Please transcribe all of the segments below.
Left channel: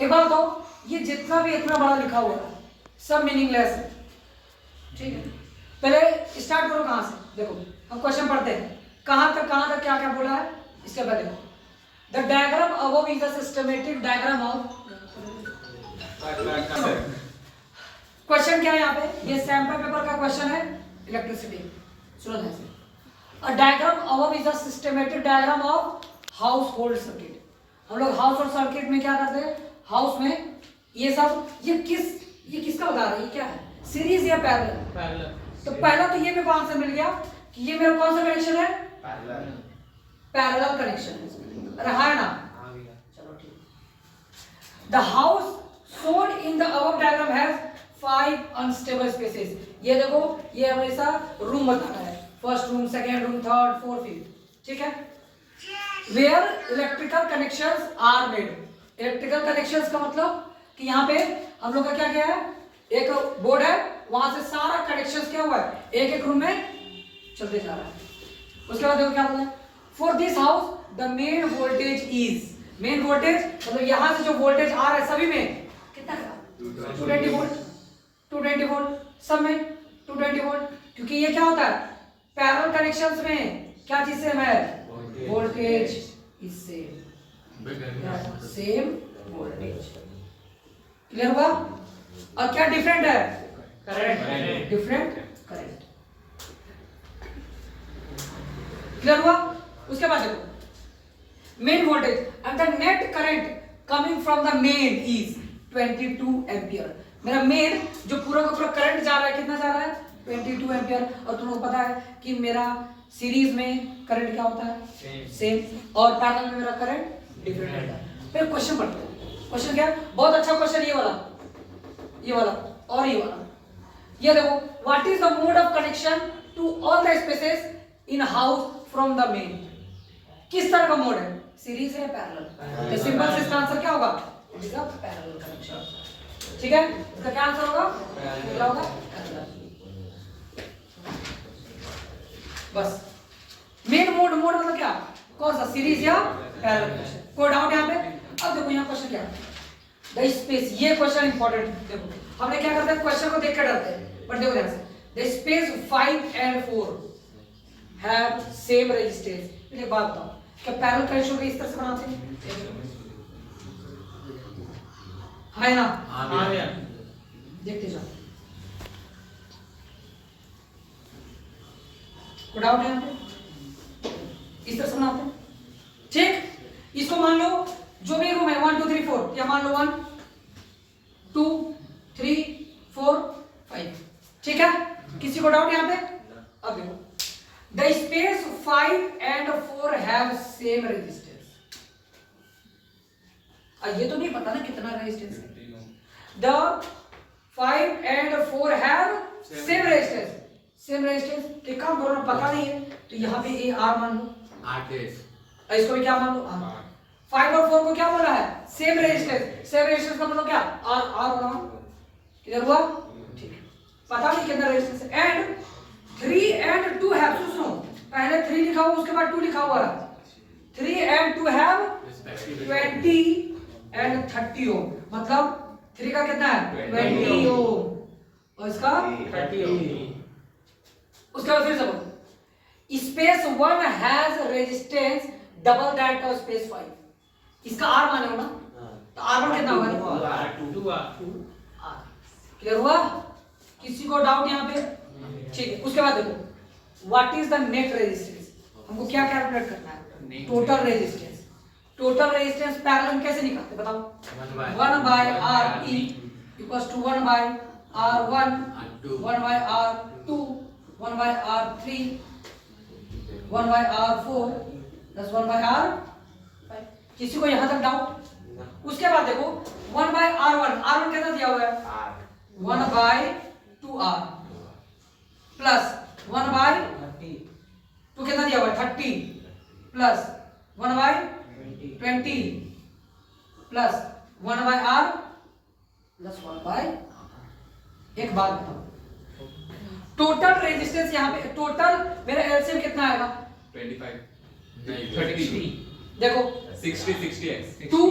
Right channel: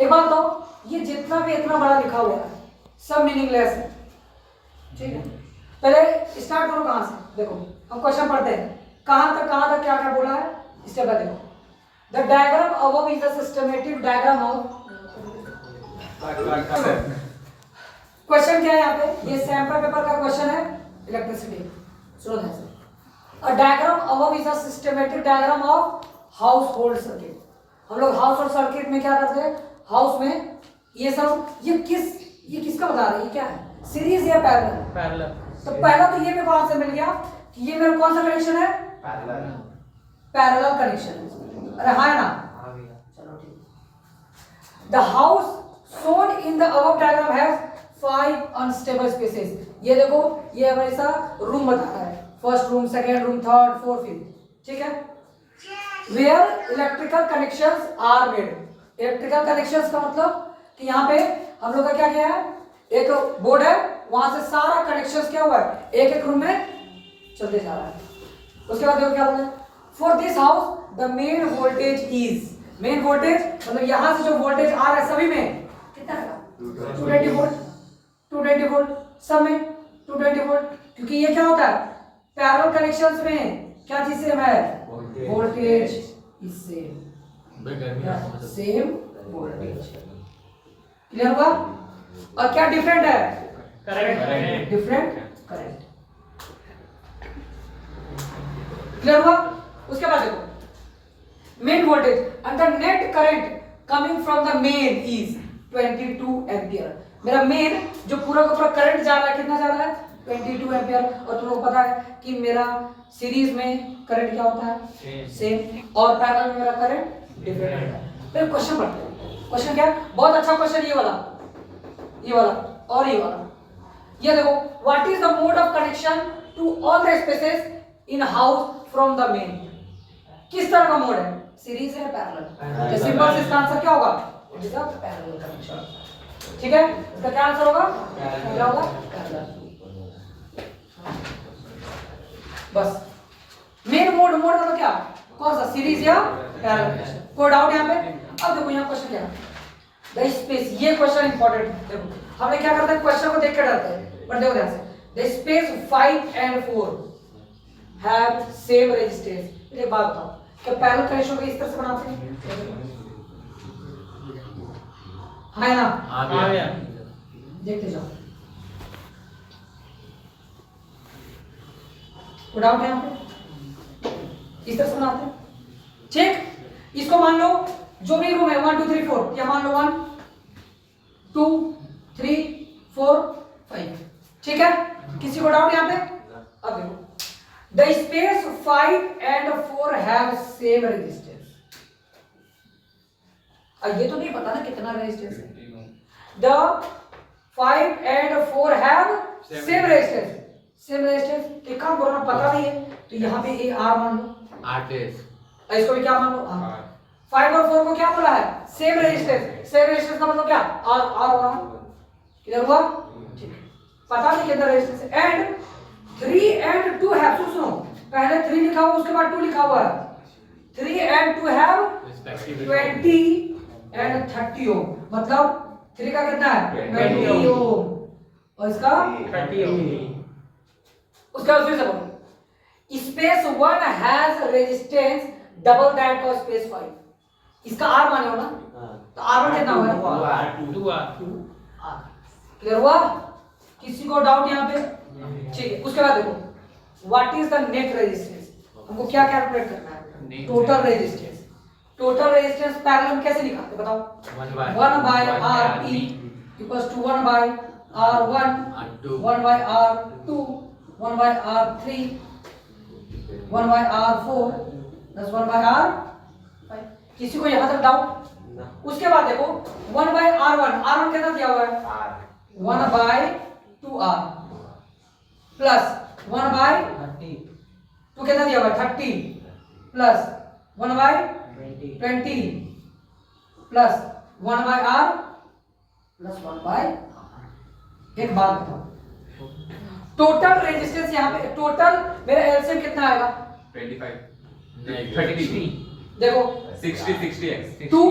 एक बात तो ये जितना भी इतना बड़ा लिखा हुआ है सब मीनिंगलेस है, ठीक है। पहले स्टार्ट करो कहां से, देखो हम क्वेश्चन पढ़ते हैं कहां तक क्या क्या बोला है, इसके बाद देखो the diagram above is the systematic diagram of. Question क्या है यहाँ पे, ये सैंपल पेपर का क्वेश्चन है इलेक्ट्रिसिटी। सुनो ध्यान से, a diagram above is the systematic diagram of house hold circuit. हम लोग हाउस होल्ड सर्किट में क्या करते हैं, हाउस में ये सब ये किसका बता रहे हैं, ये क्या है, सीरीज या पैरेलल। तो पहला तो ये मेरे को आंसर मिल गया कि ये मेरा कौन सा कनेक्शन है, पैरेलल कनेक्शन है। अरे हाँ है ना, चलो ठीक। The house shown in the above diagram has 5 unstable spaces। ये देखो ये हमेशा रूम बता रहा है, first room, second room, third, fourth, fifth, ठीक है। Where electrical connections are made। Electrical connections का मतलब कि यहाँ पे हम लोग का क्या किया है, एक बोर्ड है, वहां से सारा कनेक्शंस क्या हुआ है, एक एक रूम में चलते जा रहा है। उसके बाद देखो क्या बोला है, for this house the main voltage is, main voltage मतलब यहाँ से जो वोल्टेज आ रहा है सभी में कितना है, 220 वोल्ट, 220 वोल्ट सब में 220 वोल्ट, क्योंकि ये क्या होता है पैरेलल कनेक्शंस में क्या चीज सेम है, voltage is same voltage. Clear हुआ। और क्या डिफरेंट है, करंट, डिफरेंट करंट। क्लियर हुआ। उसके बाद देखो main voltage and the net current coming from the main is 22 ampere. मेरा मेन जो पूरा का पूरा करंट जा रहा है कितना जा रहा है, 22 एम्पियर। और तुम लोग पता है कि मेरा सीरीज में करंट क्या होता है, सेम, और पैरेलल में मेरा करंट डिफरेंट होता है। फिर क्वेश्चन पढ़ते हैं। क्वेश्चन क्या है, बहुत अच्छा क्वेश्चन ये वाला और ये वाला। ये देखो, what is the mode of connection to all the spaces in house from the main. किस तरह का मोड है, सीरीज है पैरेलल। तो सिंपल से इसका आंसर क्या होगा, it is a parallel connection, ठीक है। इसका क्या आंसर होगा, क्या होगा, पैरेलल। बस मेन मोड मतलब क्या, कौन सा, सीरीज या पैरेलल। कोई डाउट यहाँ पे। अब देखो यहाँ क्वेश्चन क्या है, द स्पेस, ये क्वेश्चन इंपॉर्टेंट है। देखो हमने क्या करते हैं, क्वेश्चन को देख कर डरते हैं, बट देखो ध्यान से, the space 5 and 4 have same resistance. एक बात बताओ, क्या पैरेलल कनेक्शन को इस तरह से बनाते हैं, है ना, देखते जाओ। कोई डाउट है यहाँ पे, इस तरह से बनाते हैं, ठीक। इसको मान लो जो भी रूम है 1 2 3 4, या मान लो 1 2 3 4 5, ठीक है। किसी को डाउट यहाँ पे। अब देखो, the space 5 and 4 have same resistance. अब ये तो नहीं पता ना कितना रेजिस्टेंस है। The 5 and 4 have same resistance, same resistance के काम करना पता नहीं है, तो यहाँ पे ये R मान लो, R, इसको भी क्या मान लो, R। 5 और 4 को क्या बोला है, सेम रेजिस्टेंस। सेम रेजिस्टेंस का मतलब क्या, R होगा। क्लियर हुआ, ठीक है। पता नहीं कितना रेजिस्टेंस है। एंड 3 and 2 हैव, सुनो, पहले 3 लिखा हुआ उसके बाद 2 लिखा हुआ है। 3 and 2 हैव 20 and 30 ओम, मतलब 3 का कितना है 20 ओम और इसका 30 ओम। उसके बाद फिर से बोलो, space 1 has resistance double that of space 5। इसका R माने हो ना, तो R1 कितना होगा, 2R। क्लियर हुआ। किसी को डाउट यहाँ पे, ठीक है। उसके बाद देखो, what is the net resistance, हमको क्या कैलकुलेट करना है, total resistance. Total resistance parallel में कैसे निकालते बताओ, 1 by RE equals to 1 by R1, 1 by R2, 1 by R3, 1 by R4 plus 1 by R5। किसी को यहां तक डाउट। उसके बाद देखो 1 by R1, R1 कितना दिया हुआ है, 1 by 2R प्लस 1 by 2 कितना दिया हुआ है 30 plus 1 by 20 plus 1 by R plus 1 by। एक बात बताओ, टोटल रेजिस्टेंस यहाँ पे, टोटल मेरा एलसीएम कितना आएगा 25 नहीं 33 देखो 60 है 2,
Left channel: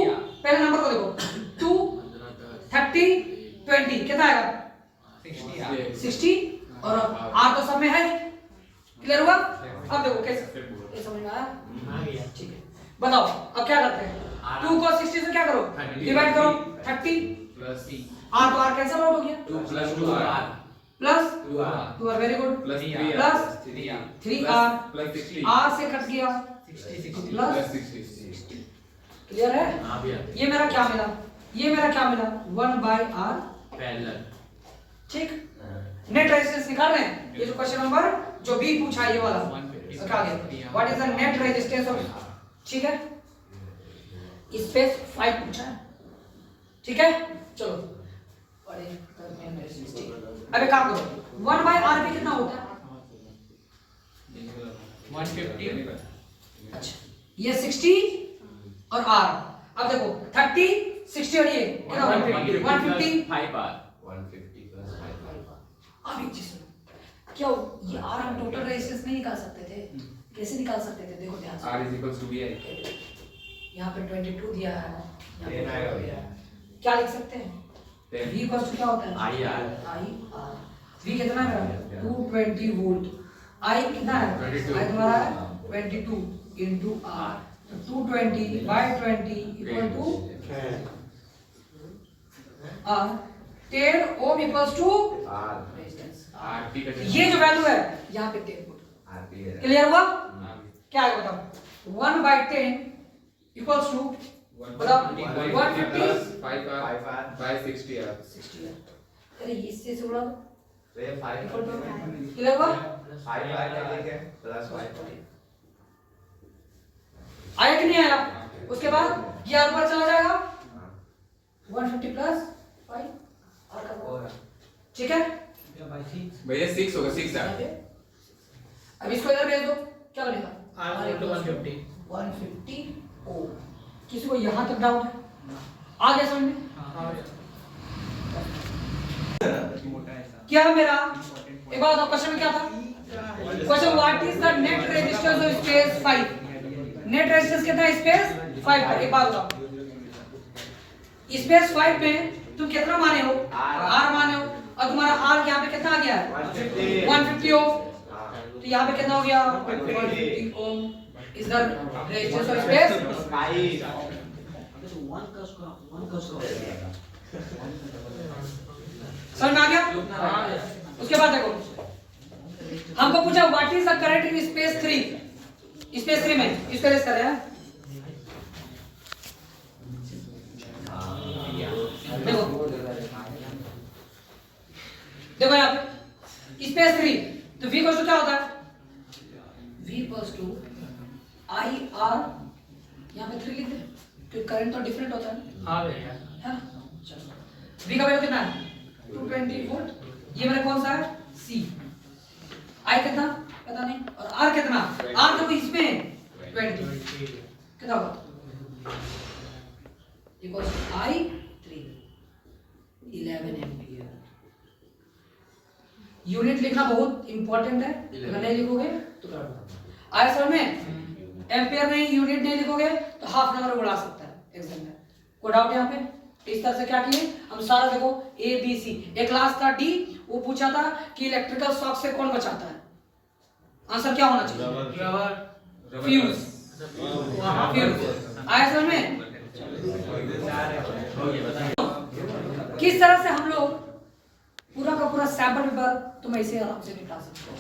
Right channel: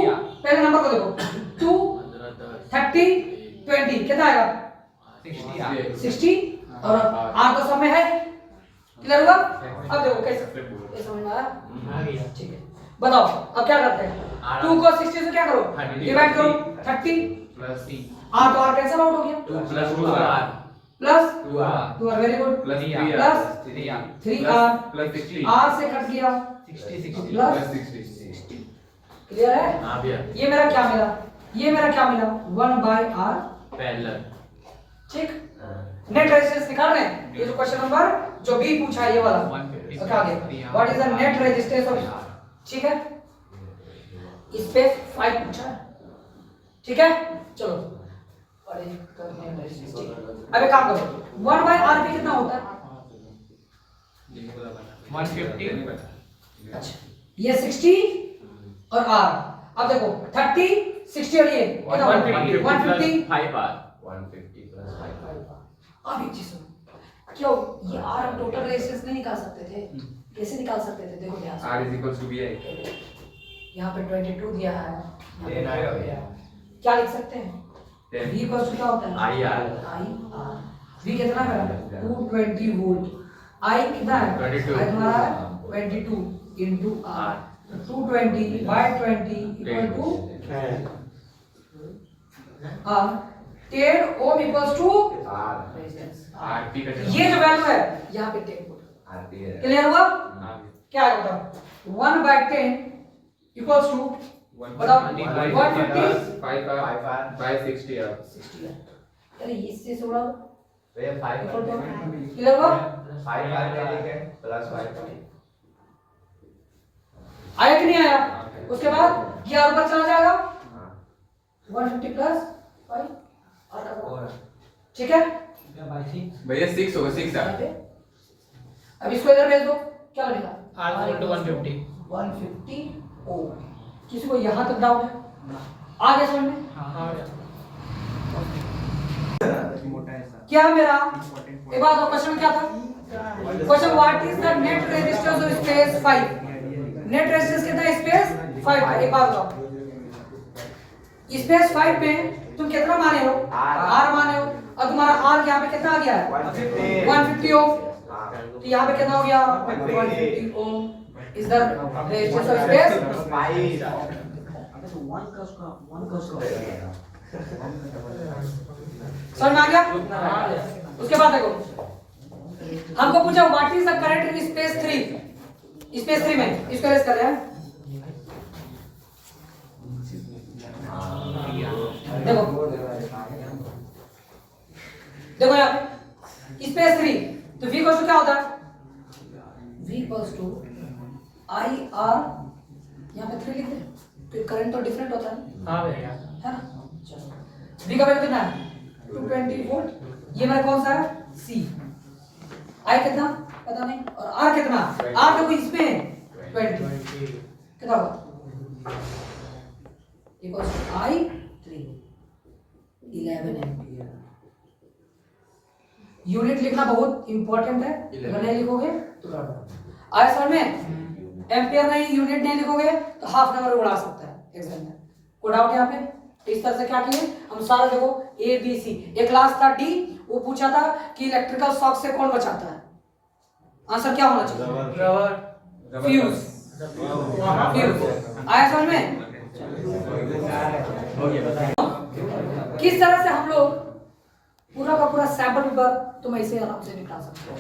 पहले नंबर को देखो 2 30 20 कितना आएगा 60 और R तो सब में है। क्लियर हुआ? अब देखो कैसे, ये समझ में आया? ठीक है, बताओ अब क्या करते हैं? 2 को 60 से क्या करो, डिवाइड करो 30 प्लस C R तो R कैंसिल आउट हो गया, 2 plus 2R plus 2R 2R very good, plus 3R plus 3R 3R plus 60 R से कट गया 60 प्लस 60। क्लियर है? हां भैया ये मेरा क्या मिला, ये मेरा क्या मिला 1/R पैरेलल। ठीक। नेट रेजिस्टेंस निकाल रहे हैं, ये जो क्वेश्चन नंबर जो बी पूछा है ये वाला, क्या आ गया what is the net resistance of, ठीक है, स्पेस 5 पूछा है, ठीक है। चलो और ये करते हैं रेजिस्टेंस, ठीक। अब एक काम करो 1/R भी कितना होता है 150। अच्छा ये 60 और R, अब देखो 30 60 और ये 150 5R 150 प्लस 5R। अब एक चीज सुनो, क्या ये R हम टोटल रेजिस्टेंस नहीं निकाल सकते थे? कैसे निकाल सकते थे? देखो ध्यान से, R = VI। यहाँ पे 22 दिया है, यहाँ पे 10 आएगा दिया है। क्या लिख सकते हैं? V इक्वल टू क्या होता है? IR। V कितना है? 220 वोल्ट। I कितना है? 22। I तुम्हारा 22 into R, तो 220/20 equal to R। 10 ohm equals to R resistance. RP का ये जो वैल्यू है यहाँ पे 10 पुट। RP है। क्लियर हुआ? हाँ। क्या है बताओ? 1/10 इक्वल्स टू बताओ 150 5R by 60R। 60 है। अरे इससे से उड़ा दो। वे 5 इक्वल टू क्लियर हुआ? 5R लिखे प्लस 5 आया कि नहीं आया? उसके बाद ये ऊपर चला जाएगा 150 प्लस 5 ठीक है। भैया 6 होगा 6R। अब इसको इधर भेज दो, क्या बनेगा? R = 150 ओ। किसी को यहां तक डाउट है? आ गया समझ में? क्या मेरा एक बार क्वेश्चन में क्या था? Question what is the net resistance of space 5? Net resistance कितना है? स्पेस 5। एक बात बताओ, स्पेस 5 पे तुम कितना माने हो? R माने हो, और तुम्हारा R यहाँ पे कितना आ गया है? 150 ओम। तो यहाँ पे कितना हो गया? 150 ohm is the resistance of space 5। समझ में आ गया? उसके बाद देखो, हमको पूछा what is the current in space 3? Space 3 में इसको रेस कर रहे हैं। देखो देखो यहाँ पे स्पेस 3, तो V इक्वल्स टू क्या होता है? V equals to I R, यहाँ पे 3 लिख दे, तो करंट तो डिफरेंट होता है हाँ भैया है ना। चलो V का वैल्यू कितना है? 220 वोल्ट। ये मेरा कौन सा है? C। I कितना पता नहीं, और R कितना? R देखो इसमें 20 कितना होगा? Equals I 3 11 ampere. यूनिट लिखना बहुत इंपॉर्टेंट है, अगर नहीं लिखोगे तो आया समझ में? एम्पीयर नहीं, यूनिट नहीं लिखोगे तो हाफ नंबर उड़ा सकता है एग्जाम में। कोई डाउट यहाँ पे? इस तरह से क्या किए हम सारा, देखो A B C। एक क्लास था D, वो पूछा था कि इलेक्ट्रिकल शॉक से कौन बचाता है? आंसर क्या होना चाहिए? फ्यूज। फ्यूज आया समझ में? किस तरह से हम लोग पूरा का पूरा सैंपल पेपर तुम ऐसे आराम से निकाल सकते हो।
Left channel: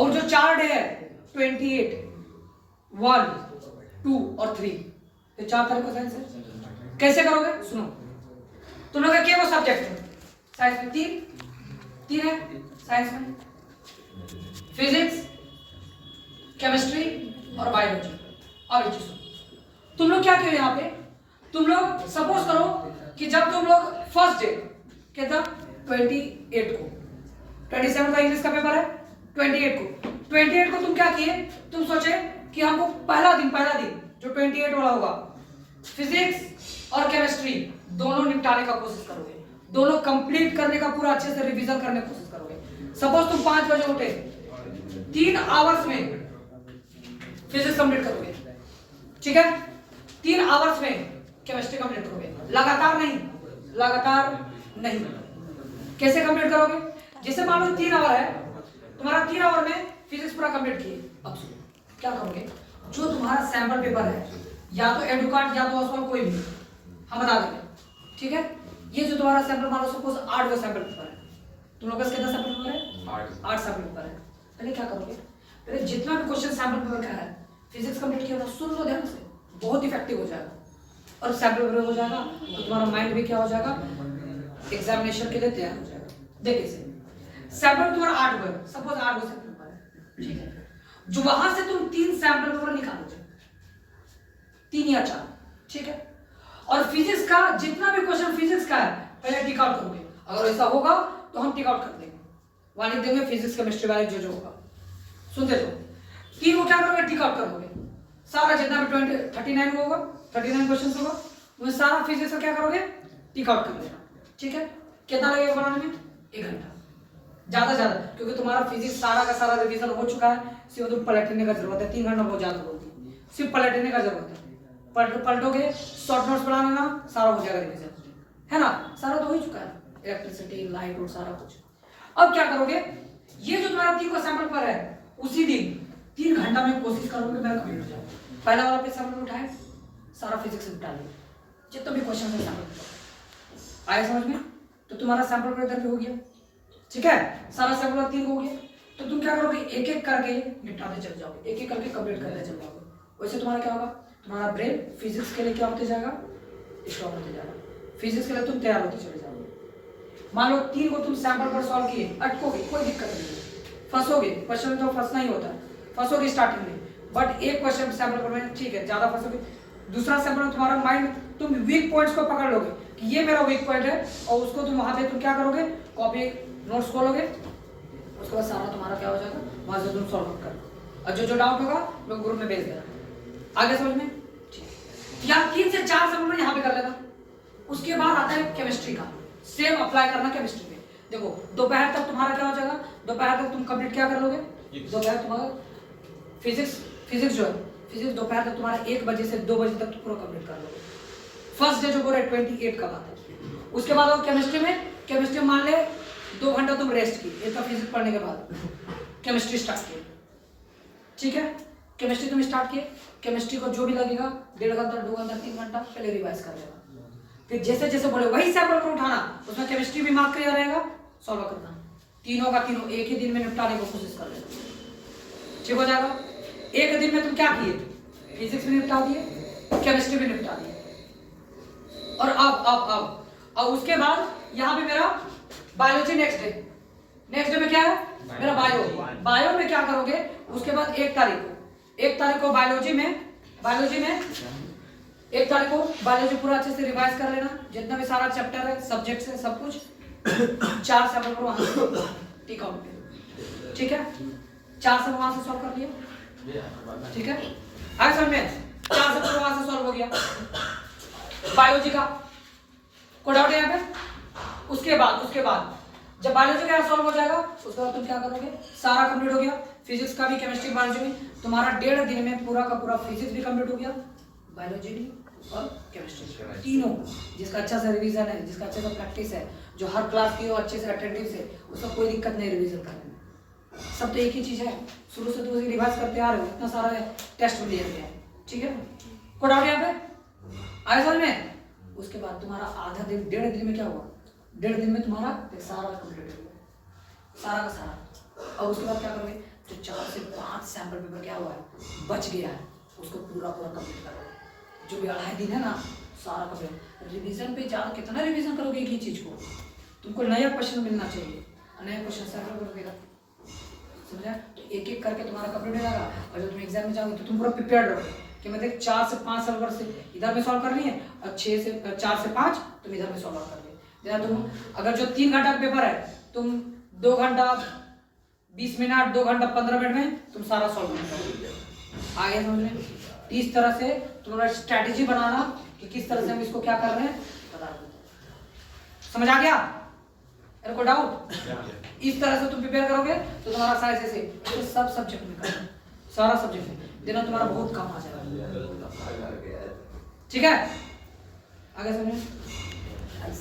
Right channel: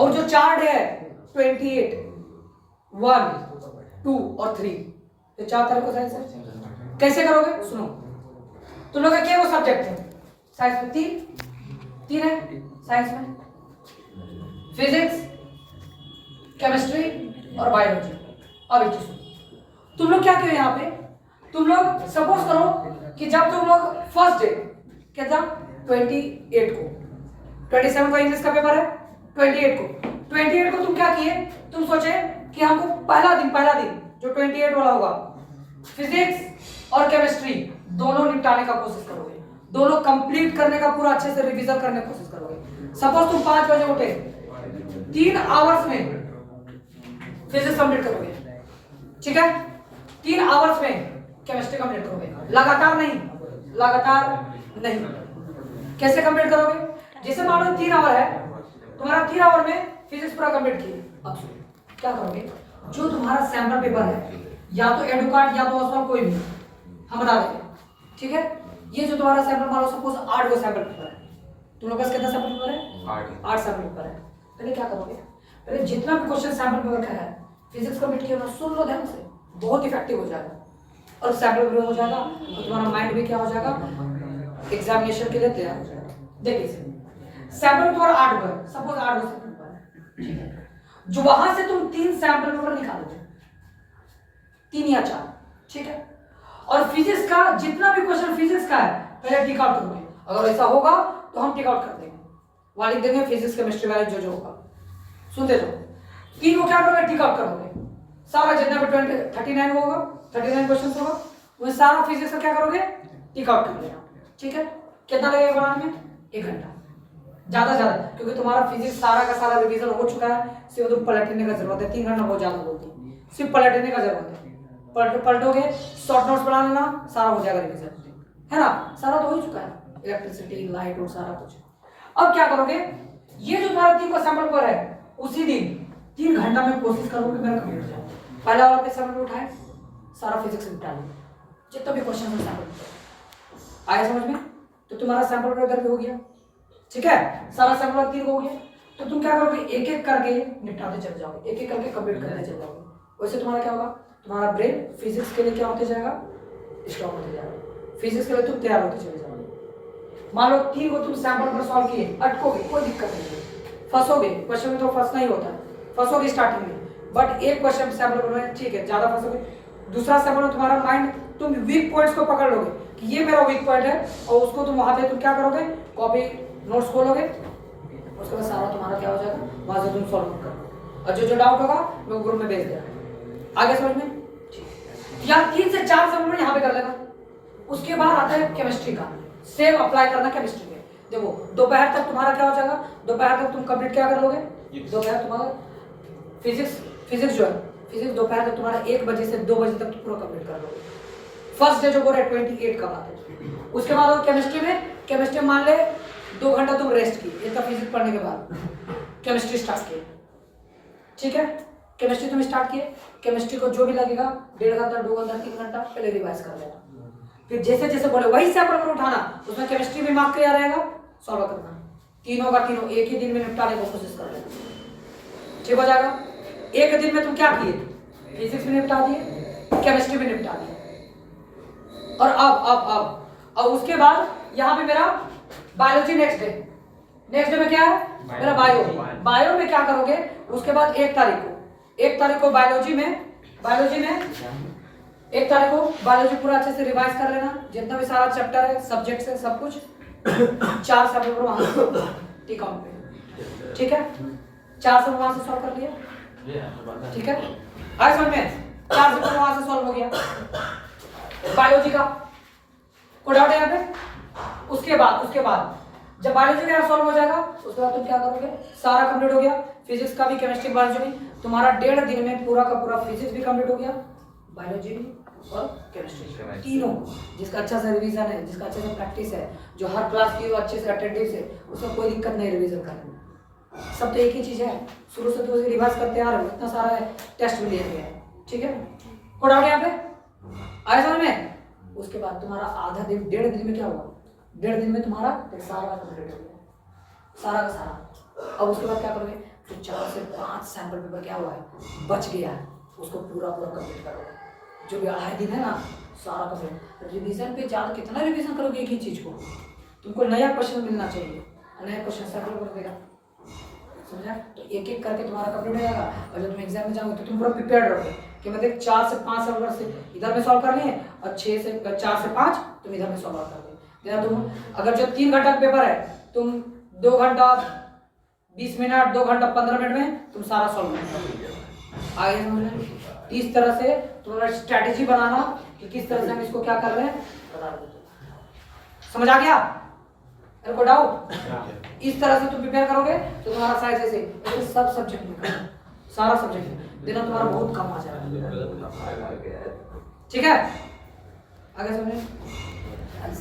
और जो चार्ट है 28 1 2 और 3, ये 4 तरीकों से आंसर कैसे करोगे? सुनो, तुम लोग का क्या वो सब्जेक्ट है? साइंस में 3 है साइंस में, फिजिक्स, केमिस्ट्री और बायोलॉजी। अब एक चीज सुनो, तुम लोग क्या करो यहाँ पे, तुम लोग सपोज करो कि जब तुम लोग फर्स्ट डे कितना 28 को, 27 को इंग्लिश का पेपर है, 28 को तुम क्या किए? तुम सोचे कि हमको पहला दिन जो 28 वाला होगा फिजिक्स और केमिस्ट्री दोनों निपटाने का कोशिश करोगे, दोनों कंप्लीट करने का पूरा अच्छे से रिवीजन करने की कोशिश करोगे। सपोज तुम 5 बजे उठे, 3 आवर्स में फिजिक्स कंप्लीट करोगे, ठीक है? 3 आवर्स में केमिस्ट्री कंप्लीट करोगे, लगातार नहीं, लगातार नहीं। कैसे कंप्लीट करोगे? जैसे मान लो 3 आवर है, तुम्हारा 3 आवर में फिजिक्स पूरा कंप्लीट किए। अब सुनो क्या करोगे, जो तुम्हारा सैंपल पेपर है, या तो एडुकार्ड या तो ऑसवाल, कोई भी हम बता देंगे, ठीक है। ये जो तुम्हारा सैंपल मान लो सपोज 8 का सैंपल पेपर है, तुम लोग का कितना सैंपल पेपर है? 8 सैंपल पेपर है। पहले क्या करोगे, पहले जितना भी क्वेश्चन सैंपल पेपर का है फिजिक्स कंप्लीट किया ना, सुन लो ध्यान से, बहुत इफेक्टिव हो जाएगा और सैंपल पेपर हो जाएगा तो तुम्हारा माइंड भी क्या हो जाएगा, एग्जामिनेशन के लिए तैयार हो जाएगा। देखिए सैंपल तुम्हारा 8 का है, सपोज 8 का सैंपल पेपर है, जो वहां से तुम 3 सैंपल पेपर निकालोगे, 3 या 4, ठीक है। और फिजिक्स का जितना भी क्वेश्चन फिजिक्स का है पहले टिक आउट करोगे, अगर ऐसा होगा तो हम टिक आउट कर देंगे, वहां लिख देंगे फिजिक्स केमिस्ट्री बायो जो होगा, सुनते जाओ। 3 को क्या करोगे, टिक आउट करोगे, सारा जितना भी 39 होगा, 39 क्वेश्चन होगा, तो सारा फिजिक्स का क्या करोगे, टिक आउट कर देना, ठीक है। कितना लगेगा बनाने में? 1 घंटा, ज्यादा, क्योंकि तुम्हारा फिजिक्स सारा का सारा रिवीजन हो चुका है, सिर्फ तुम पलटने का जरूरत है। 3 घंटा बहुत ज्यादा बोलती है, सिर्फ पलटने का जरूरत है, पलटोगे, शॉर्ट नोट्स बना लेना, सारा हो जाएगा रिवीजन, है ना। सारा तो हो ही चुका है, इलेक्ट्रिसिटी, लाइट और सारा कुछ। अब क्या करोगे, ये जो तुम्हारा 3 का सैंपल पर है, उसी दिन 3 घंटा में कोशिश करोगे मेरा कंप्लीट हो जाए। पहला वाला पे सैंपल उठाए, सारा फिजिक्स निपटा लो, जितना भी क्वेश्चन है सैंपल आया समझ में, तो तुम्हारा सैंपल का इधर भी हो गया, ठीक है। सारा सैंपल 3 हो गया, तो तुम क्या करोगे, एक एक करके निपटाते चले जाओगे, एक एक करके कंप्लीट करते चले जाओगे। वैसे तुम्हारा क्या होगा, तुम्हारा ब्रेन फिजिक्स के लिए क्या होते जाएगा, स्ट्रॉन्ग होते जाएगा, फिजिक्स के लिए तुम तैयार होते चले जाओगे। मान लो 3 को तुम सैंपल पर सॉल्व किए, अटकोगे, कोई दिक्कत नहीं है, फंसोगे, क्वेश्चन में तो फंसना ही होता है, फंसोगे स्टार्टिंग में, बट एक क्वेश्चन सैंपल पर में ठीक है, ज्यादा फंसोगे। दूसरा सैंपल में तुम्हारा माइंड, तुम वीक पॉइंट्स को पकड़ लोगे कि ये मेरा वीक पॉइंट है, और उसको तुम वहां पे तुम क्या करोगे, कॉपी नोट्स खोलोगे, उसके बाद सारा तुम्हारा क्या हो जाएगा, वहां से तुम सॉल्व करो, और जो डाउट होगा मैं ग्रुप में भेज देना। आगे समझ में? या 3 से 4 सैंपल यहाँ पे कर लेना। उसके बाद आता है केमिस्ट्री का, सेम अप्लाई करना केमिस्ट्री में। देखो दोपहर तक तुम्हारा क्या हो जाएगा, दोपहर तक तुम कंप्लीट क्या कर लोगे, दोपहर तुम्हारा फिजिक्स जो है, फिजिक्स दोपहर तक तुम्हारा 1 बजे से 2 बजे तक तो पूरा कंप्लीट कर लोगे। फर्स्ट डे जो बोल रहे 28 का बात है। उसके बाद और केमिस्ट्री में मान ले 2 घंटा तुम रेस्ट की, इतना फिजिक्स पढ़ने के बाद केमिस्ट्री स्टार्ट किए, ठीक है। केमिस्ट्री तुम स्टार्ट किए, केमिस्ट्री को जो भी लगेगा 1.5 घंटा, 2 घंटा, 3 घंटा पहले रिवाइज कर लेना। फिर जैसे जैसे बोले वही सैंपल पर उठाना, उसमें केमिस्ट्री भी मार्क किया रहेगा, सॉल्व करना, तीनों का तीनों एक ही दिन में निपटाने की कोशिश कर लेना, ठीक हो जाएगा। एक दिन में तुम क्या किए, फिजिक्स भी निपटा दिए, केमिस्ट्री भी निपटा दिए। और अब उसके बाद यहाँ पे मेरा बायोलॉजी नेक्स्ट डे में क्या है, मेरा बायो में क्या करोगे, उसके बाद 1 तारीख को बायोलॉजी में 1 तारीख को बायोलॉजी पूरा अच्छे से रिवाइज कर लेना, जितना भी सारा चैप्टर है, सब्जेक्ट्स है, सब कुछ 4 सैंपल पर वहां से टिक आउट पे, ठीक है। 4 सैंपल वहां से सॉल्व कर दिया, ठीक है। आया समझ में, 4 सैंपल वहां से सॉल्व हो गया बायोलॉजी का, कोई डाउट है यहाँ पे? उसके बाद जब बायोलॉजी का सॉल्व हो जाएगा, उसके बाद तुम क्या करोगे, सारा कंप्लीट हो गया, फिजिक्स का भी, केमिस्ट्री, बायोलॉजी में तुम्हारा 1.5 दिन में पूरा का पूरा फिजिक्स भी कंप्लीट हो गया, बायोलॉजी भी और केमिस्ट्री तीनों। जिसका अच्छा सा रिवीजन है, जिसका अच्छा सा प्रैक्टिस है, जो हर क्लास की अच्छे से अटेंडेंस है, उसमें कोई दिक्कत नहीं रिवीजन करने में। सब तो एक ही चीज है, शुरू से तो रिवाइज करते आ रहे हो, इतना सारा टेस्ट भी दिया गया है, ठीक है। कोई डाउट यहाँ पे आया समझ में? उसके बाद तुम्हारा आधा दिन, 1.5 दिन में क्या हुआ, 1.5 दिन में तुम्हारा सारा कंप्लीट हो गया, सारा का सारा। अब उसके बाद क्या करोगे, तो 4 से 5 सैंपल पेपर क्या हुआ है, बच गया है, उसको पूरा कंप्लीट करोगे। जो भी आए दिन है ना, सारा कंप्लीट। रिवीजन पे ज़्यादा कितना रिवीजन करोगे एक ही चीज़ को, तुमको नया क्वेश्चन मिलना चाहिए, नया क्वेश्चन सैंपल कर देगा, समझा। तो एक एक करके तुम्हारा कंप्लीट हो जाएगा, और जब तुम एग्जाम में जाओगे तो तुम पूरा प्रिपेयर्ड रहोगे कि मतलब 4 से 5 सैंपल से इधर में सॉल्व करनी है, और 4 से 5 तुम इधर में सॉल्व कर दो। तुम अगर जो 3 घंटा का पेपर है, तुम 2 घंटा 20 मिनट, 2 घंटा 15 मिनट में तुम सारा सॉल्व कर दोगे। आगे समझ, इस तरह से तुम्हारा स्ट्रैटेजी बनाना कि किस तरह से हम इसको क्या कर रहे हैं, बता देते। समझ आ गया? को डाउट? इस तरह से तुम प्रिपेयर करोगे तो तुम्हारा साइज ऐसे सब सब्जेक्ट में, सारा सब्जेक्ट देना तुम्हारा बहुत कम आ जाएगा, ठीक है। आगे समझे।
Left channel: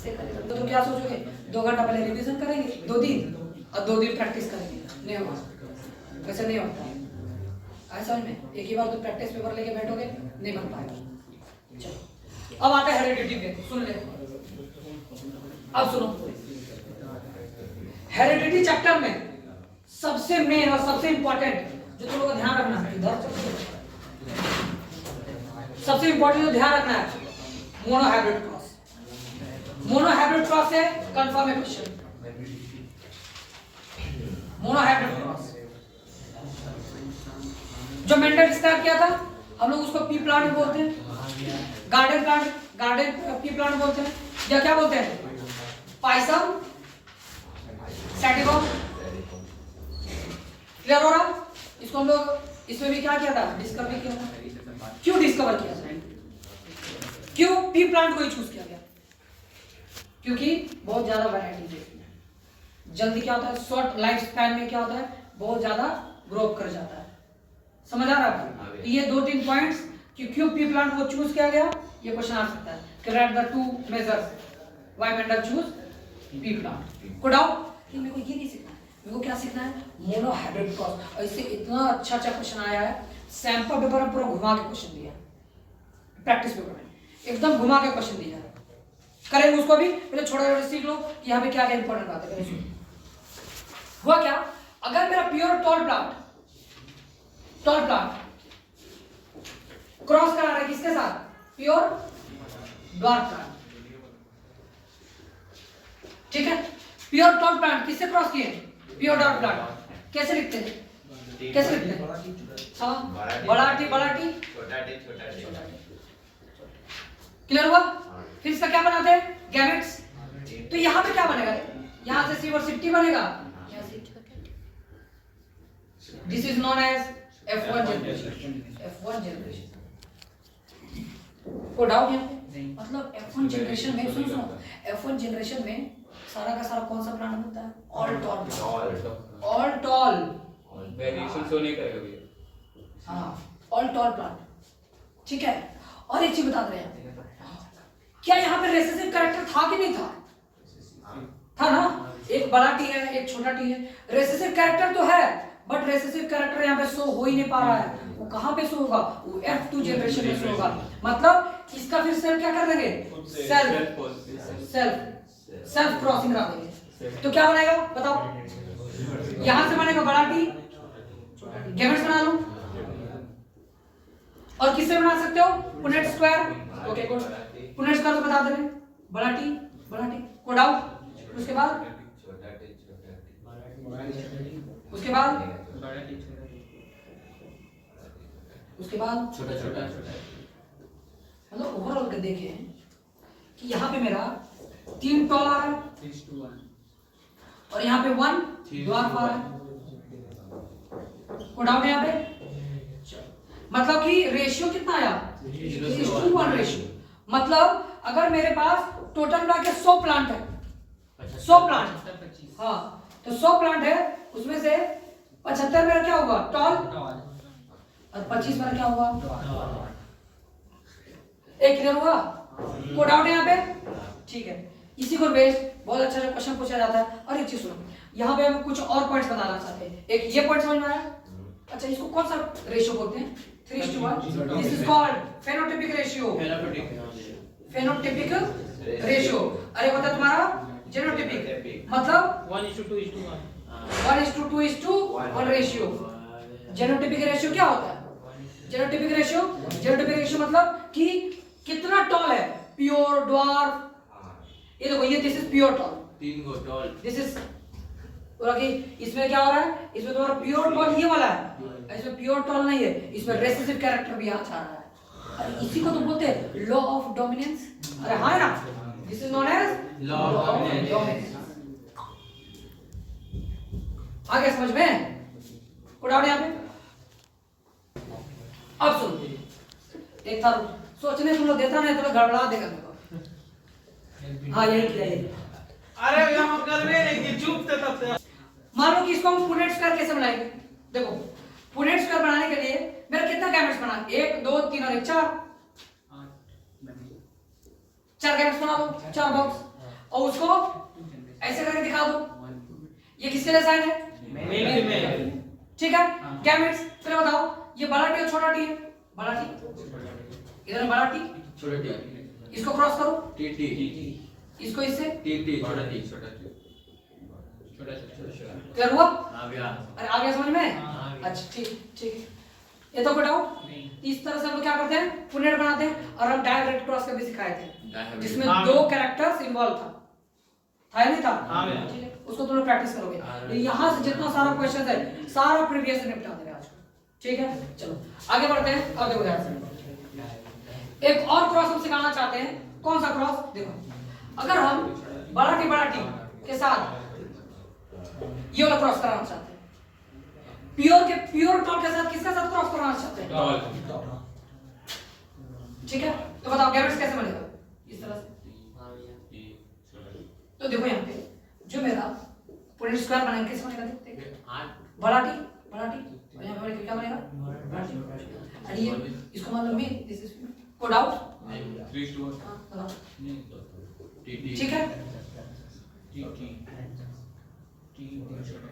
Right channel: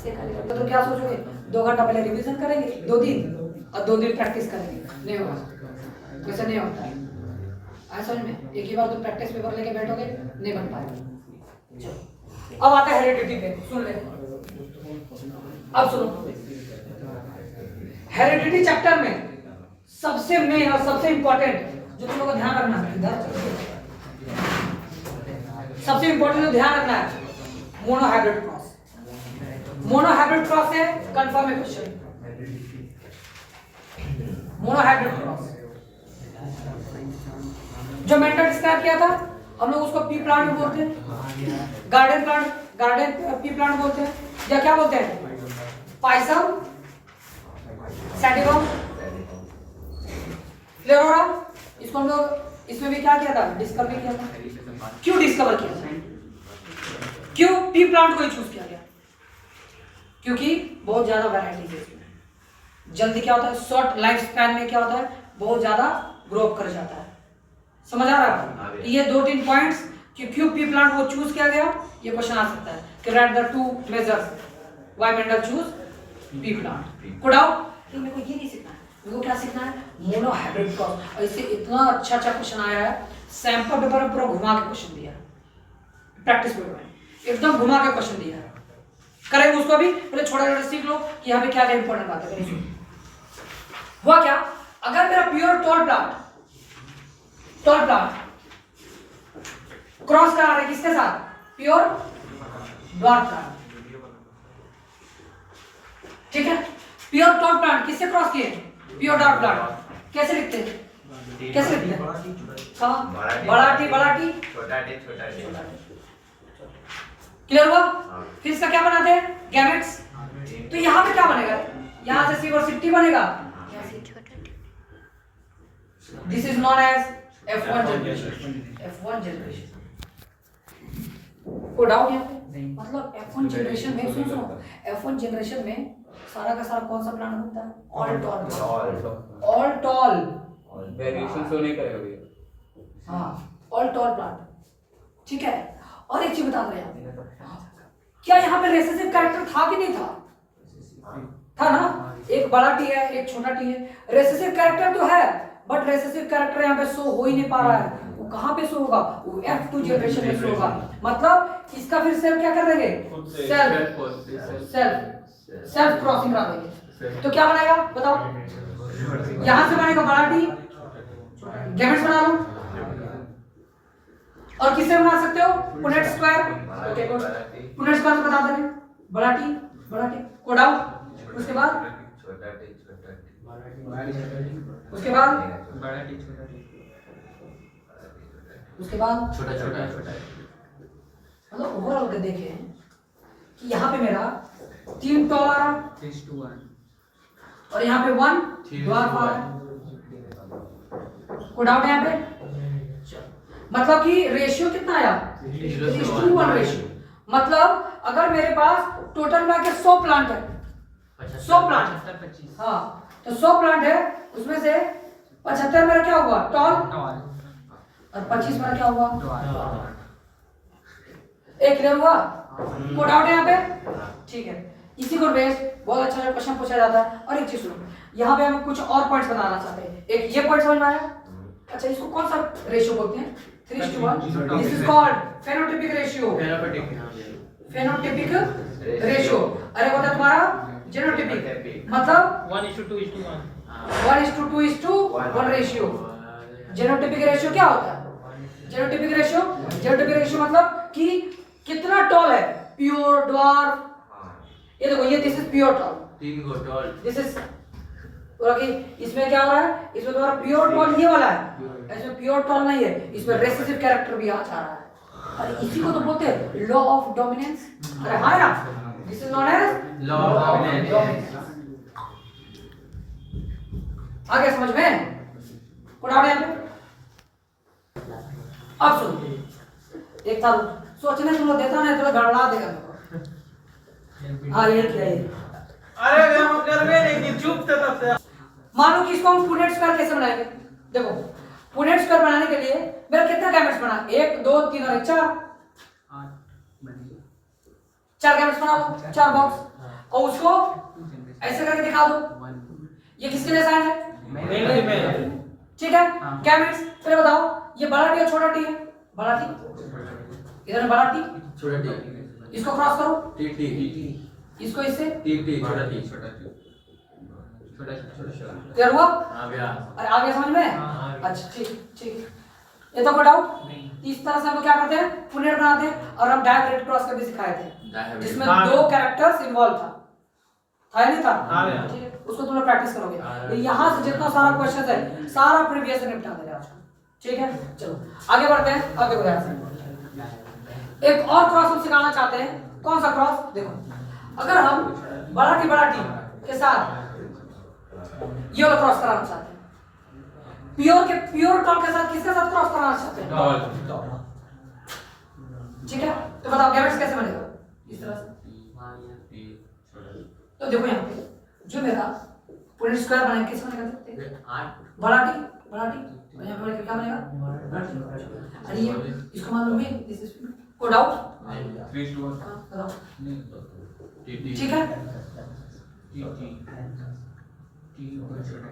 ऐसे करेंगे तो क्या सोचोगे 2 घंटा पहले रिवीजन करेंगे 2 दिन और 2 दिन प्रैक्टिस करेंगे, नहीं होगा, वैसा नहीं होता है। ऐसा में एक ही बार तो प्रैक्टिस पेपर लेके बैठोगे नहीं बन पाएगा। चलो अब आता है हेरिडिटी पे, सुन ले, अब सुनो। हेरिडिटी चैप्टर में सबसे मेन और सबसे इंपॉर्टेंट जो तुम लोगों को ध्यान रखना है, इधर सबसे इंपॉर्टेंट जो ध्यान रखना है मोनोहाइब्रिड क्रॉस। मोनोहाइब्रिड क्रॉस है कंफर्म है क्वेश्चन। मोनोहाइब्रिड क्रॉस जो मेंडल डिस्क्राइब किया था हम लोग उसको पी प्लांट बोलते हैं, गार्डन पी प्लांट बोलते हैं, या क्या बोलते हैं पाइसम सैटिवम। क्लियर हो रहा? इसको हम लोग इसमें भी क्या किया था, डिस्कवर भी किया था। क्यों डिस्कवर किया था, क्यों पी प्लांट को ही चूज किया गया? क्योंकि बहुत ज्यादा वैरायटी है इसमें, जल्दी क्या होता है शॉर्ट लाइफ स्पैन में क्या होता है बहुत ज्यादा ग्रो अप कर जाता है। समझ आ रहा है आपको? ये 2-3 पॉइंट्स कि क्यों पी प्लांट को चूज किया गया, ये क्वेश्चन आ सकता है कि right the 2 measures why Mendel choose P plant. को डाउट कि मेरे को ये नहीं सीखना है, मेरे को क्या सीखना है मोनोहाइब्रिड क्रॉस। और इससे इतना अच्छा क्वेश्चन आया है, सैंपल पेपर में पूरा घुमा के क्वेश्चन दिया, प्रैक्टिस पेपर में एकदम घुमा के क्वेश्चन दिया। करेंगे उसको भी, पहले छोटा छोटा सीख लो कि यहाँ पे क्या क्या इंपॉर्टेंट बात है। हुआ क्या, अगर मेरा प्योर टॉल प्लांट क्रॉस करा रहा है किसके साथ, प्योर ड्वार्फ प्लांट, ठीक है। प्योर टॉल प्लांट किससे क्रॉस किए, प्योर ड्वार्फ प्लांट। कैसे लिखते हैं, कैसे लिखते हैं, हाँ बड़ा टी छोटा टी। क्लियर हुआ? फिर इसका क्या बनाते हैं, गैमेट्स। तो यहाँ पे क्या बनेगा, यहाँ से सी और सी टी बनेगा। This is known as F1 generation. F1 generation को डाउट है मतलब F1 जनरेशन में सुनो F1 जनरेशन में सारा का सारा कौन सा प्लांट होता है, ऑल टॉल वेरिएशन शो नहीं करेगा भैया। हाँ ऑल टॉल प्लांट, ठीक है। और एक चीज बता रहे हैं, क्या यहाँ पे रेसेसिव कैरेक्टर था कि नहीं था, था ना। एक बड़ा टी है एक छोटा टी है, रेसेसिव कैरेक्टर तो है बट रेसेसिव कैरेक्टर यहाँ पे शो हो ही नहीं पा रहा है। वो कहाँ पे शो होगा, वो F2 जनरेशन में शो होगा। मतलब इसका फिर सेल्फ क्या कर देंगे, सेल्फ क्रॉसिंग करा देंगे। तो क्या बनेगा बताओ, यहाँ से बनेगा बड़ा टी, गैमेट्स बना लो। और किससे बना सकते हो, Punnett square. Okay good, Punnett square तो बता दे रहे, बड़ा टी कोड आउट। उसके बाद उसके बाद छोटा मतलब ओवरऑल के देखें कि यहाँ पे मेरा 3 टॉल आ रहा है और यहाँ पे 1 ड्वार्फ आ रहा है। कोड आउट है यहाँ पे, मतलब कि रेशियो कितना आया 3:1 रेशियो। मतलब अगर मेरे पास टोटल मिला के 100 प्लांट है, 100 प्लांट, हाँ तो 100 प्लांट है, उसमें से 75 मेरा क्या होगा टॉल और 25 मेरा क्या होगा। एक क्लियर हुआ, कोड आउट है यहाँ पे, ठीक है। इसी को बेस्ड बहुत अच्छा क्वेश्चन पूछा जाता है। और एक चीज सुनो, यहाँ पे हम कुछ और पॉइंट्स बताना चाहते हैं। एक ये पॉइंट समझ में आया, अच्छा इसको कौन सा रेशियो बोलते हैं, 3:1। This is called phenotypic ratio, phenotypic ratio. अरे वो था तुम्हारा जेनोटाइपिक, मतलब 1:2:1 1:2:1 रेशियो। जेनोटाइपिक रेशियो क्या होता है, जेनोटाइपिक रेशियो मतलब कि कितना टॉल है, प्योर ड्वार्फ। ये देखो ये this is pure tall, 3 go tall, this is कि इसमें क्या हो रहा है, इसमें तुम्हारा प्योर टॉल ये वाला है, इसमें प्योर टॉल नहीं है, इसमें रेसेसिव कैरेक्टर भी आ रहा है। अरे इसी को तो बोलते हैं लॉ ऑफ डोमिनेंस। अरे हाँ ना, this is known as law of dominance. आगे समझ में उड़ाओ यहाँ पे। अब सुन, एक था सोचने सुनो देता नहीं तो गड़बड़ा देगा मेरे को। हाँ यही किया ये। अरे हम कर रहे हैं कि चुप थे तब से। मान लो कि इसको हम पुनेट स्क्वायर कैसे बनाएंगे, देखो पुनेट स्क्वायर बनाने के लिए मेरा कितना गैमेट्स बना, 1 2 3 और 4 गैमेट्स बना लो, 4 बॉक्स। और उसको ऐसे करके दिखा दो। ये किसके लिए साइन है? Male female. ठीक है। गैमेट्स पहले बताओ ये बड़ा टी है छोटा टी है? बड़ा टी, इधर है बड़ा टी, छोटा टी, इसको क्रॉस करो, टी टी, इसको इससे, टी टी, छोटा टी, छोटा टी, छोटा छोटा। क्लियर हुआ? हाँ भैया। अरे आ गया समझ में? हाँ। अच्छा ठीक ठीक। ये तो कोई डाउट? इस तरह से हम लोग क्या करते हैं, पुनेट बनाते हैं और हम डायरेक्ट क्रॉस करके सिखाए थे जिसमें हाँ। 2 कैरेक्टर्स इन्वॉल्व था या नहीं था? हाँ भैया। ठीक है, उसको तुम लोग प्रैक्टिस करोगे। यहाँ से जितना सारा क्वेश्चन है सारा प्रीवियस से निपटा देगा आज। ठीक है, चलो आगे बढ़ते हैं। अब देखो ध्यान से, एक और क्रॉस हम सिखाना चाहते हैं। कौन सा क्रॉस? देखो अगर हम बड़ा टी के साथ ये वाला क्रॉस कराना चाहते हैं, प्योर टॉल के साथ किसके साथ क्रॉस कराना चाहते हैं? टॉल। ठीक है, तो बताओ गैमेट्स कैसे बनेगा? इस तरह से। तो देखो यहाँ पे जो मेरा पूरे स्क्वायर बना किस बनेगा? देखते हैं। बड़ा टी और यहाँ पे क्या बनेगा? बड़ा टी। अरे ये इसको मान लो मेन, दिस इज को डाउट? 3:1। हां बताओ। टी टी, ठीक है, टी टी, टी छोटा।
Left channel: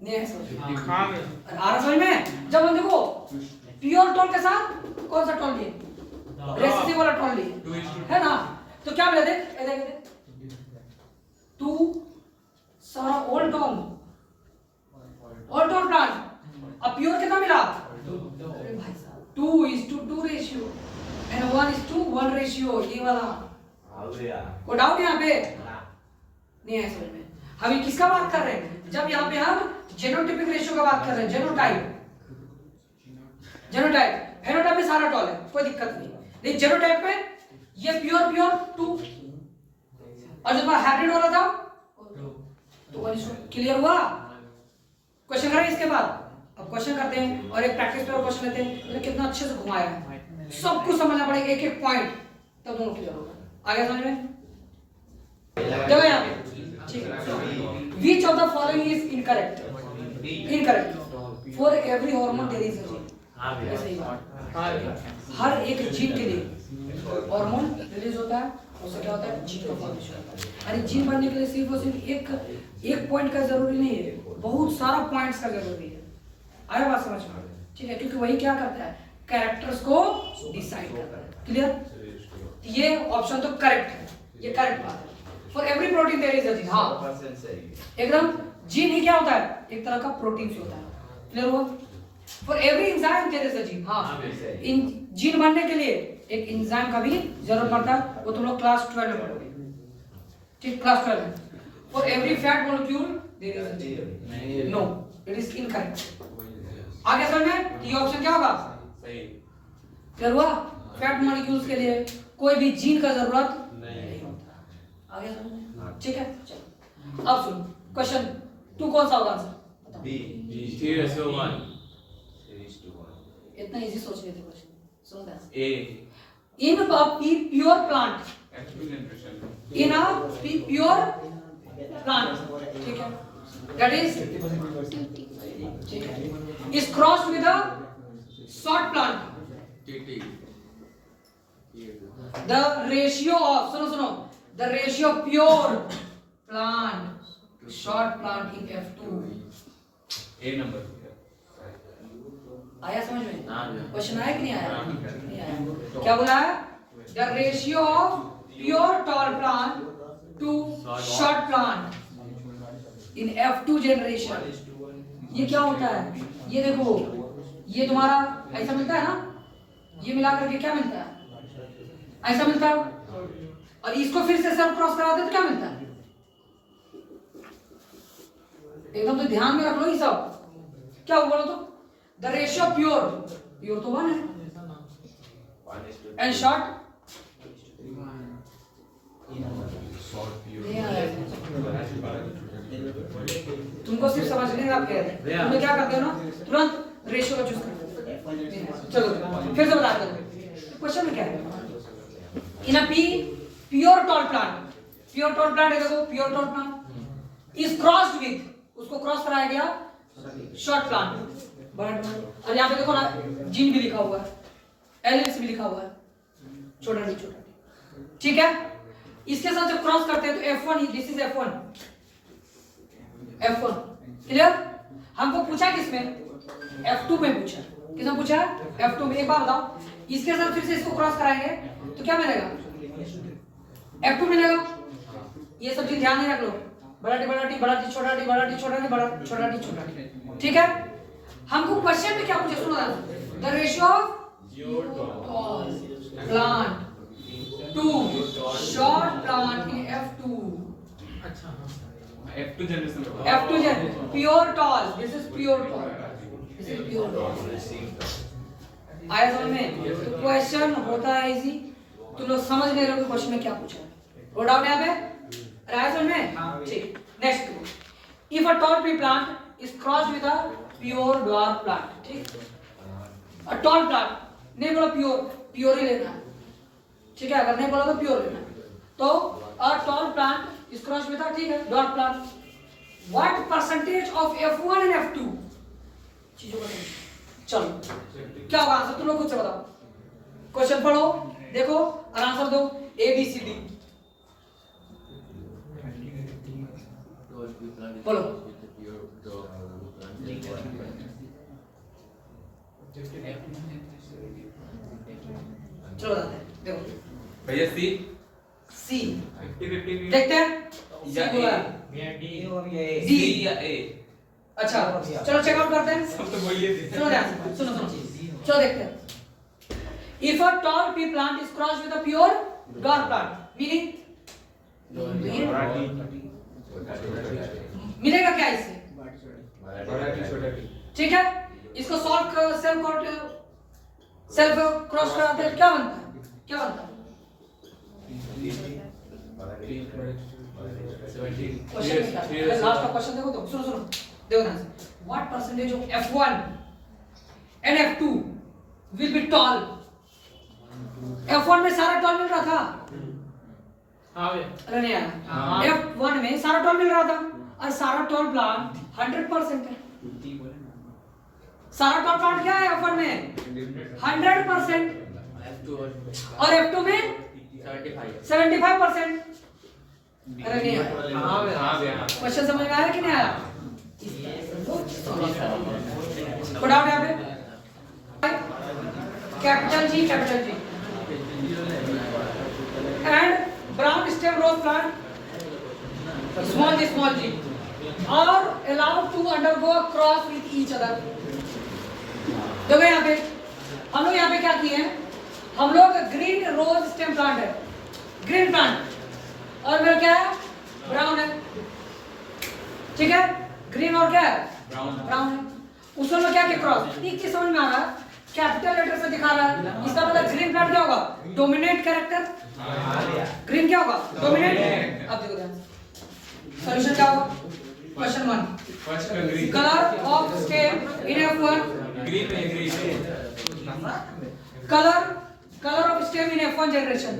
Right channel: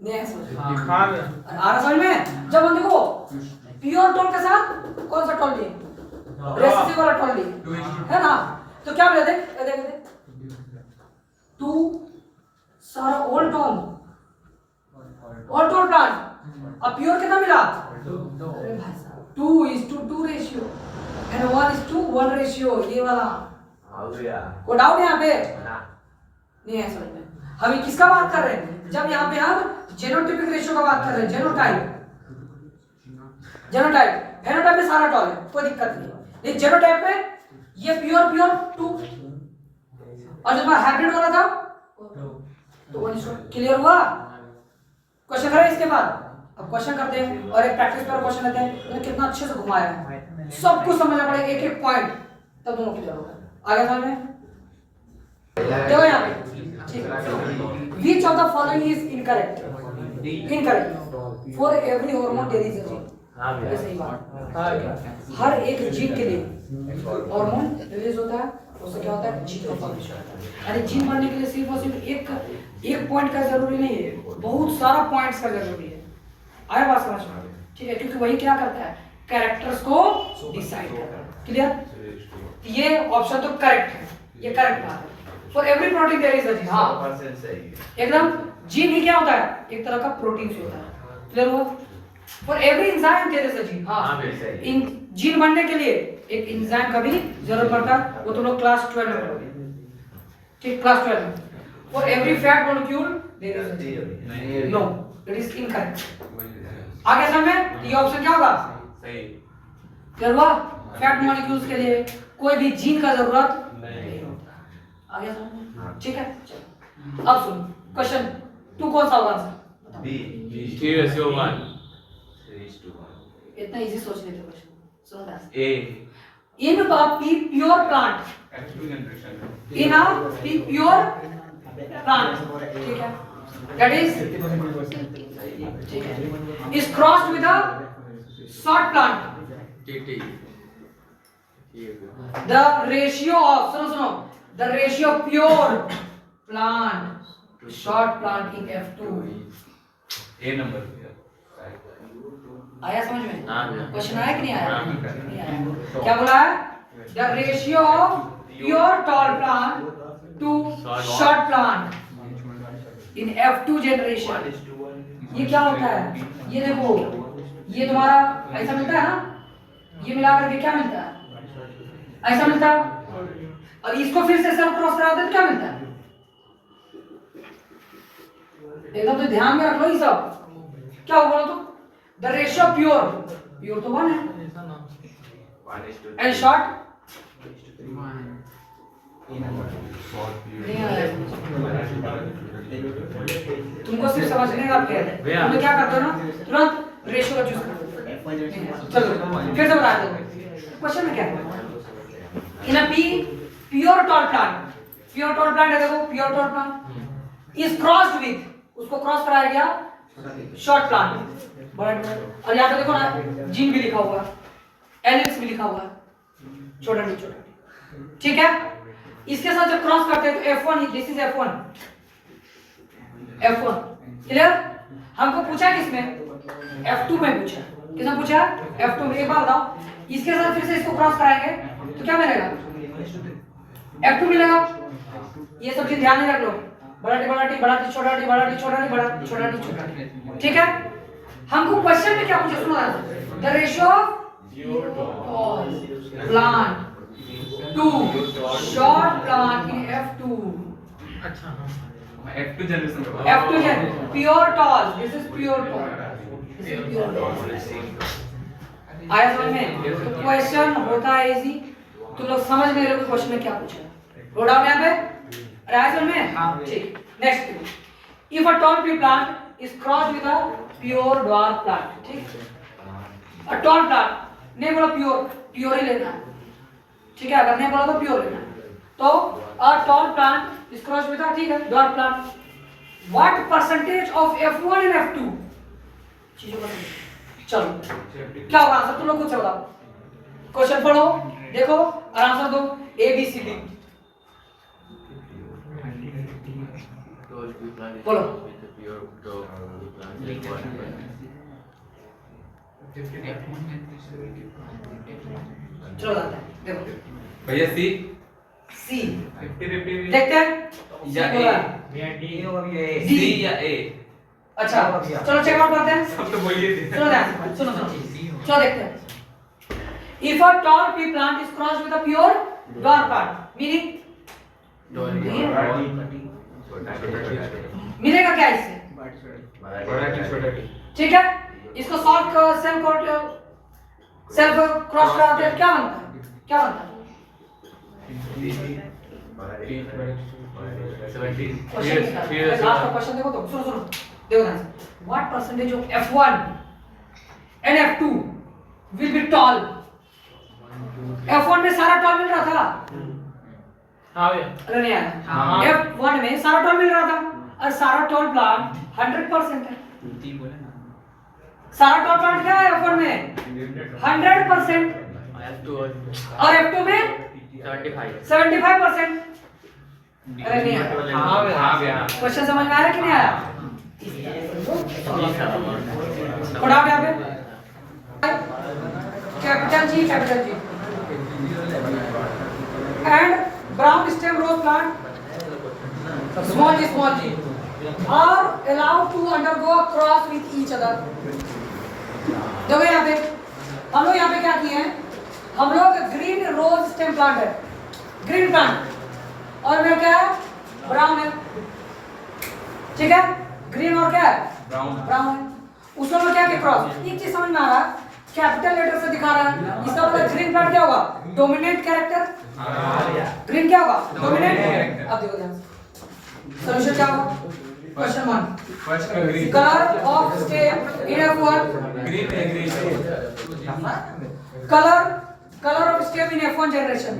नहीं समझ में? हाँ भैया। आ रहा समझ में? जब हम देखो प्योर टोन के साथ कौन सा टोन लिए? रेसिसिव वाला टोन लिए, है ना? तो क्या मिला? देख ये देख 2 सारा ओल्ड टोन प्लांट। अब प्योर कितना मिला? अरे भाई साहब 2:2 रेशियो एंड 1:1 रेशियो, ये वाला। को डाउट यहाँ पे? नहीं है समझ में? हम ये किसका बात कर रहे हैं? जब यहाँ पे हम जेनोटाइपिक रेशियो का बात कर रहे हैं। जेनोटाइप फेनोटाइप में सारा टॉल है, कोई दिक्कत नहीं। लेकिन जेनोटाइप में ये प्योर 2 और जो हाइब्रिड वाला था तो 1:1। क्लियर हुआ? क्वेश्चन करें इसके बाद? अब क्वेश्चन करते हैं और एक प्रैक्टिस पर क्वेश्चन लेते हैं। मैंने कितना अच्छे से घुमाया है, सब कुछ समझना पड़ेगा, एक एक पॉइंट, तब दोनों क्लियर होगा। आगे समझ में? देखो यहाँ पे, ठीक है। Which of the following is incorrect? For every hormone there is a gene. ये सही बात। हर एक जीन के लिए हार्मोन रिलीज होता है, उससे क्या होता है? जीन का फॉर्मेशन होता है। यानी जीन बनने के लिए सिर्फ और सिर्फ एक पॉइंट का जरूरी नहीं है, बहुत सारा पॉइंट्स का जरूरी है। आया बात समझ में? ठीक है, क्योंकि वही क्या करता है? कैरेक्टर्स को डिसाइड करता है। क्लियर? ये ऑप्शन तो करेक्ट है, ये करेक्ट बात है। For every protein there is a gene. हाँ एकदम, जीन ही क्या होता है? एक तरह का प्रोटीन होता है। क्लियर हुआ? For every enzyme there is a gene. हाँ इन जीन बनने के लिए एक एंजाइम का भी जरूरत पड़ता है, वो तुम लोग क्लास 12 में पढ़ोगे। ठीक, क्लास 12 में। For every fat molecule there is a gene. No, it is incorrect. आगे समझ में? ये ऑप्शन क्या होगा? सही। क्लियर हुआ? फैट मॉलिक्यूल्स के लिए कोई भी जीन का जरूरत नहीं होता। आ गया समझ में? ठीक है, चलो अब सुनो क्वेश्चन 2 कौन सा होगा आंसर? बी 3:1। इतना इजी सोच लेते क्वेश्चन। सुनो ध्यान से। A in pure plant, in a pure plant, ठीक है, दैट इज ठीक है, is crossed with a short plant. T T, the ratio of, सुनो, the ratio of pure plant to short plant in F2। ए number. आया समझ में? हाँ। क्वेश्चन आया कि नहीं आया? हाँ। नहीं आया। क्या बोला है? The ratio of pure tall plant to short plant in F2 generation. ये क्या होता है? ये देखो, ये तुम्हारा ऐसा मिलता है ना, ये मिलाकर के क्या मिलता है? ऐसा मिलता है, और इसको फिर से सब क्रॉस करा दे तो क्या मिलता है? एकदम तो ध्यान में रख लो ये सब। क्या हुआ बोलो तो? द रेशियो प्योर तो 1 है एंड शॉर्ट तुमको सिर्फ समझने का खेल है। तुम क्या करते हो ना, तुरंत रेशियो का चूज करते हो। चलो फिर से बता दो क्वेश्चन में क्या है। इन अ प्योर टॉल प्लांट है, देखो pure tall plant is crossed with, उसको क्रॉस कराया गया शॉर्ट प्लांट। और यहाँ पे देखो ना, जीन भी लिखा हुआ है, एलिक्स भी लिखा हुआ है, छोटा डी, ठीक है। इसके साथ जब क्रॉस करते हैं तो F1, this is F1, F1 clear. हमको पूछा किसमें, F2 में पूछा, किसने पूछा, F2 में। एक बार बताओ, इसके साथ फिर से इसको क्रॉस कराएंगे तो क्या मिलेगा, F2 मिलेगा। ये सब चीज ध्यान में रख लो, बड़ा टी बड़ा टी बड़ा टी छोटा टी बड़ा टी छोटा टी बड़ा छोटा टी छोटा टी, ठीक है। हमको क्वेश्चन में क्या पूछा, सुनो the ratio of plant to short plant in F2। अच्छा हाँ F2 जनरेशन का F2 जन pure tall, this is pure tall, this is pure tall. आया समझ में। तो क्वेश्चन होता है इजी, तुम लोग समझ में रहे हो क्वेश्चन में क्या पूछा है। रो डाउन यहां पे आया समझ में, हां ठीक। Next, if a tall tree plant is crossed with a pure dwarf plant, ठीक। अ टॉल प्लांट, नहीं बोला प्योर, प्योर ही लेना है, ठीक है। अगर नहीं बोला तो प्योर लेना है। तो a tall plant is crossed with अ, ठीक है, dwarf plant. What percentage of F1 and F2, चीजों को चलो क्या होगा आंसर, तुम लोग खुद से बताओ। क्वेश्चन पढ़ो, देखो और आंसर दो, A B C D बोलो। चलो जाते हैं, देखो भैया सी C 50-50 देखते हैं या बोला। डी और ये D। सी या ए। अच्छा चलो चेक आउट करते हैं। सब तो बोलिए थे। चलो ध्यान से सुनो सुनो, चलो देखते हैं। If a tall tree plant is crossed with a pure dwarf plant, meaning मिलेगा क्या इससे, बड़ा टी छोटा टी। ठीक है। इसको सॉल्व कर, सेल्फ क्रॉस कराते हैं, क्या बनता है, क्या बनता है क्वेश्चन। लास्ट का क्वेश्चन देखो तो, सुनो सुनो देखो ना, what percentage of F1 and F2 will be toll. F1 में सारा टॉल मिल रहा था, हाँ भैया अरे नहीं आया, हाँ। F1 में सारा टॉल मिल रहा था, और सारा टॉल प्लांट 100% है। सारा टॉल प्लांट क्या है F1 में 100%, और F2 में 75%। अरे नहीं आया, हाँ भैया हाँ भैया। क्वेश्चन समझ में आया कि नहीं आया। कोड आउट यहाँ पे capital G and brown stem rose plant small G are allowed to undergo cross with each other. देखो यहाँ पे हम लोग यहाँ पे क्या किए हैं, हम लोग ग्रीन रोज स्टेम प्लांट है, ग्रीन प्लांट, और मेरा क्या है, ब्राउन है, ठीक है। ग्रीन और क्या है, ब्राउन है। उसमें हम क्या किया क्रॉस। एक चीज समझ में आ रहा है, कैपिटल लेटर से दिखा रहा है, इसका मतलब ग्रीन प्लांट क्या होगा, डोमिनेंट कैरेक्टर। ग्रीन क्या होगा, डोमिनेंट। अब देखो ध्यान से सॉल्यूशन क्या होगा। Question 1, colour of stem in F1, colour of stem in F1 generation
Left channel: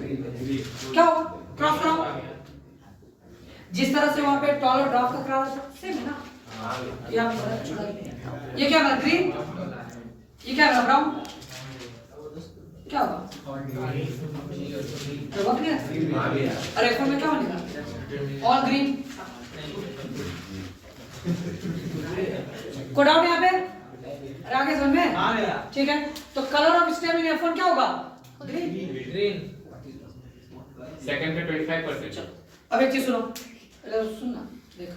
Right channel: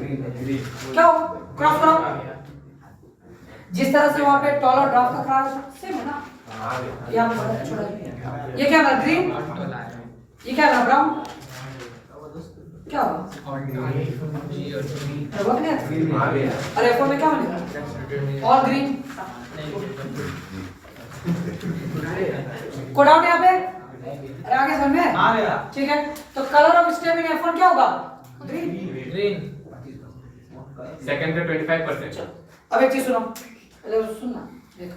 क्या होगा, क्रॉस करो। जिस तरह से वहां पे टॉल और ड्रॉप का क्रॉस सेम है ना, यहाँ पे छोटा ये क्या है, ग्रीन, ये क्या है, ब्राउन, क्या होगा, अरे वो नहीं, अरे F1 में क्या बनेगा, ऑल ग्रीन। कोड आउट यहाँ पे, अरे आगे समझ में, हाँ भैया ठीक है। तो colour of stem in F1 क्या होगा, ग्रीन। ग्रीन। सेकंड पे 25%। अब एक चीज सुनो, पहले सुनना, देखो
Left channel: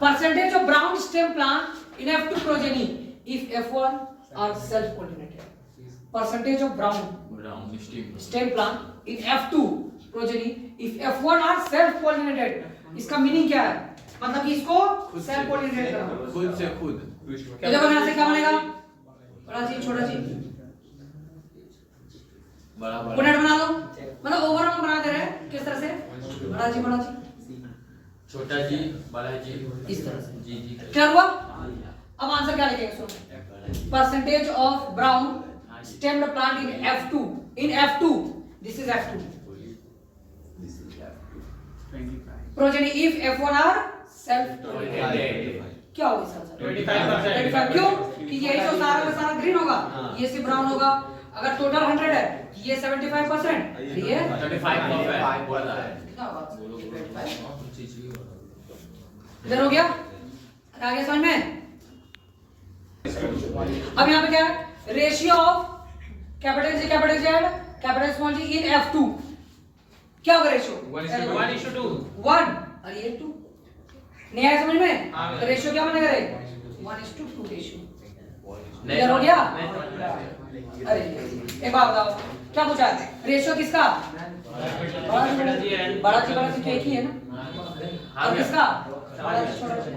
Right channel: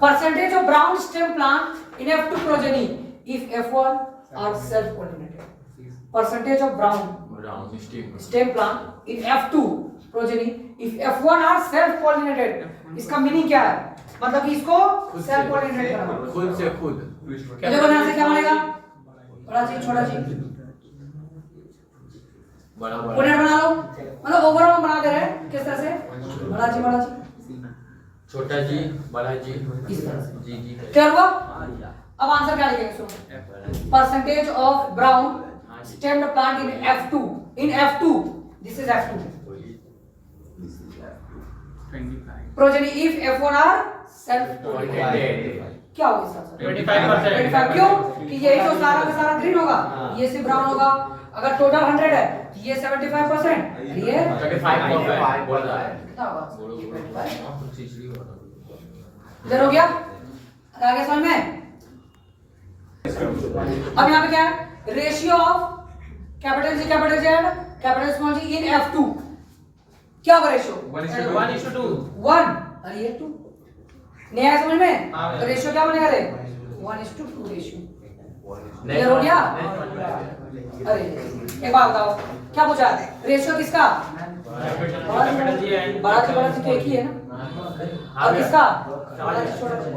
percentage of brown stem plant in F2 progeny if F1 are self pollinated. Percentage of brown stem plant in F2 progeny if F1 are self pollinated. इसका मीनिंग क्या है, मतलब कि इसको सेल्फ पोलिनेटेड करना, खुद से खुद। देखो यहाँ से क्या बनेगा, बड़ा जी छोटा जी, पोलिनेट बना लो, मतलब ओवरऑल बना दे रहे हैं किस तरह से, बड़ा जी छोटा जी बड़ा जी इस तरह से। जी जी। क्या हुआ, अब आंसर क्या लिखेंगे, सुनो percentage of brown stemmed plant in F2 this is F2 progeny if F1 are self pollinated. क्या होगा इसका आंसर, 25%। 25। क्यों कि यही तो सारा का सारा ग्रीन होगा, ये सिर्फ ब्राउन होगा। अगर टोटल 100 है ये 75%, ये 35 बोल रहा है कितना होगा? खिचड़ी होगा इधर हो गया, आगे समझ में? अब यहाँ पे क्या है? Ratio of capital G and capital small G in F2 क्या होगा रेशियो? 1:2 1 और ये 2 नहीं आया समझ में? हाँ। तो रेशियो क्या बनेगा रे? 1:2 रेशियो। क्लियर हो गया? अरे एक बात बताओ, क्या पूछा? रेशियो किसका? कैपिटल जी एंड बड़ा जी तो एक ही है ना, और किसका? बड़ा जी छोटा जी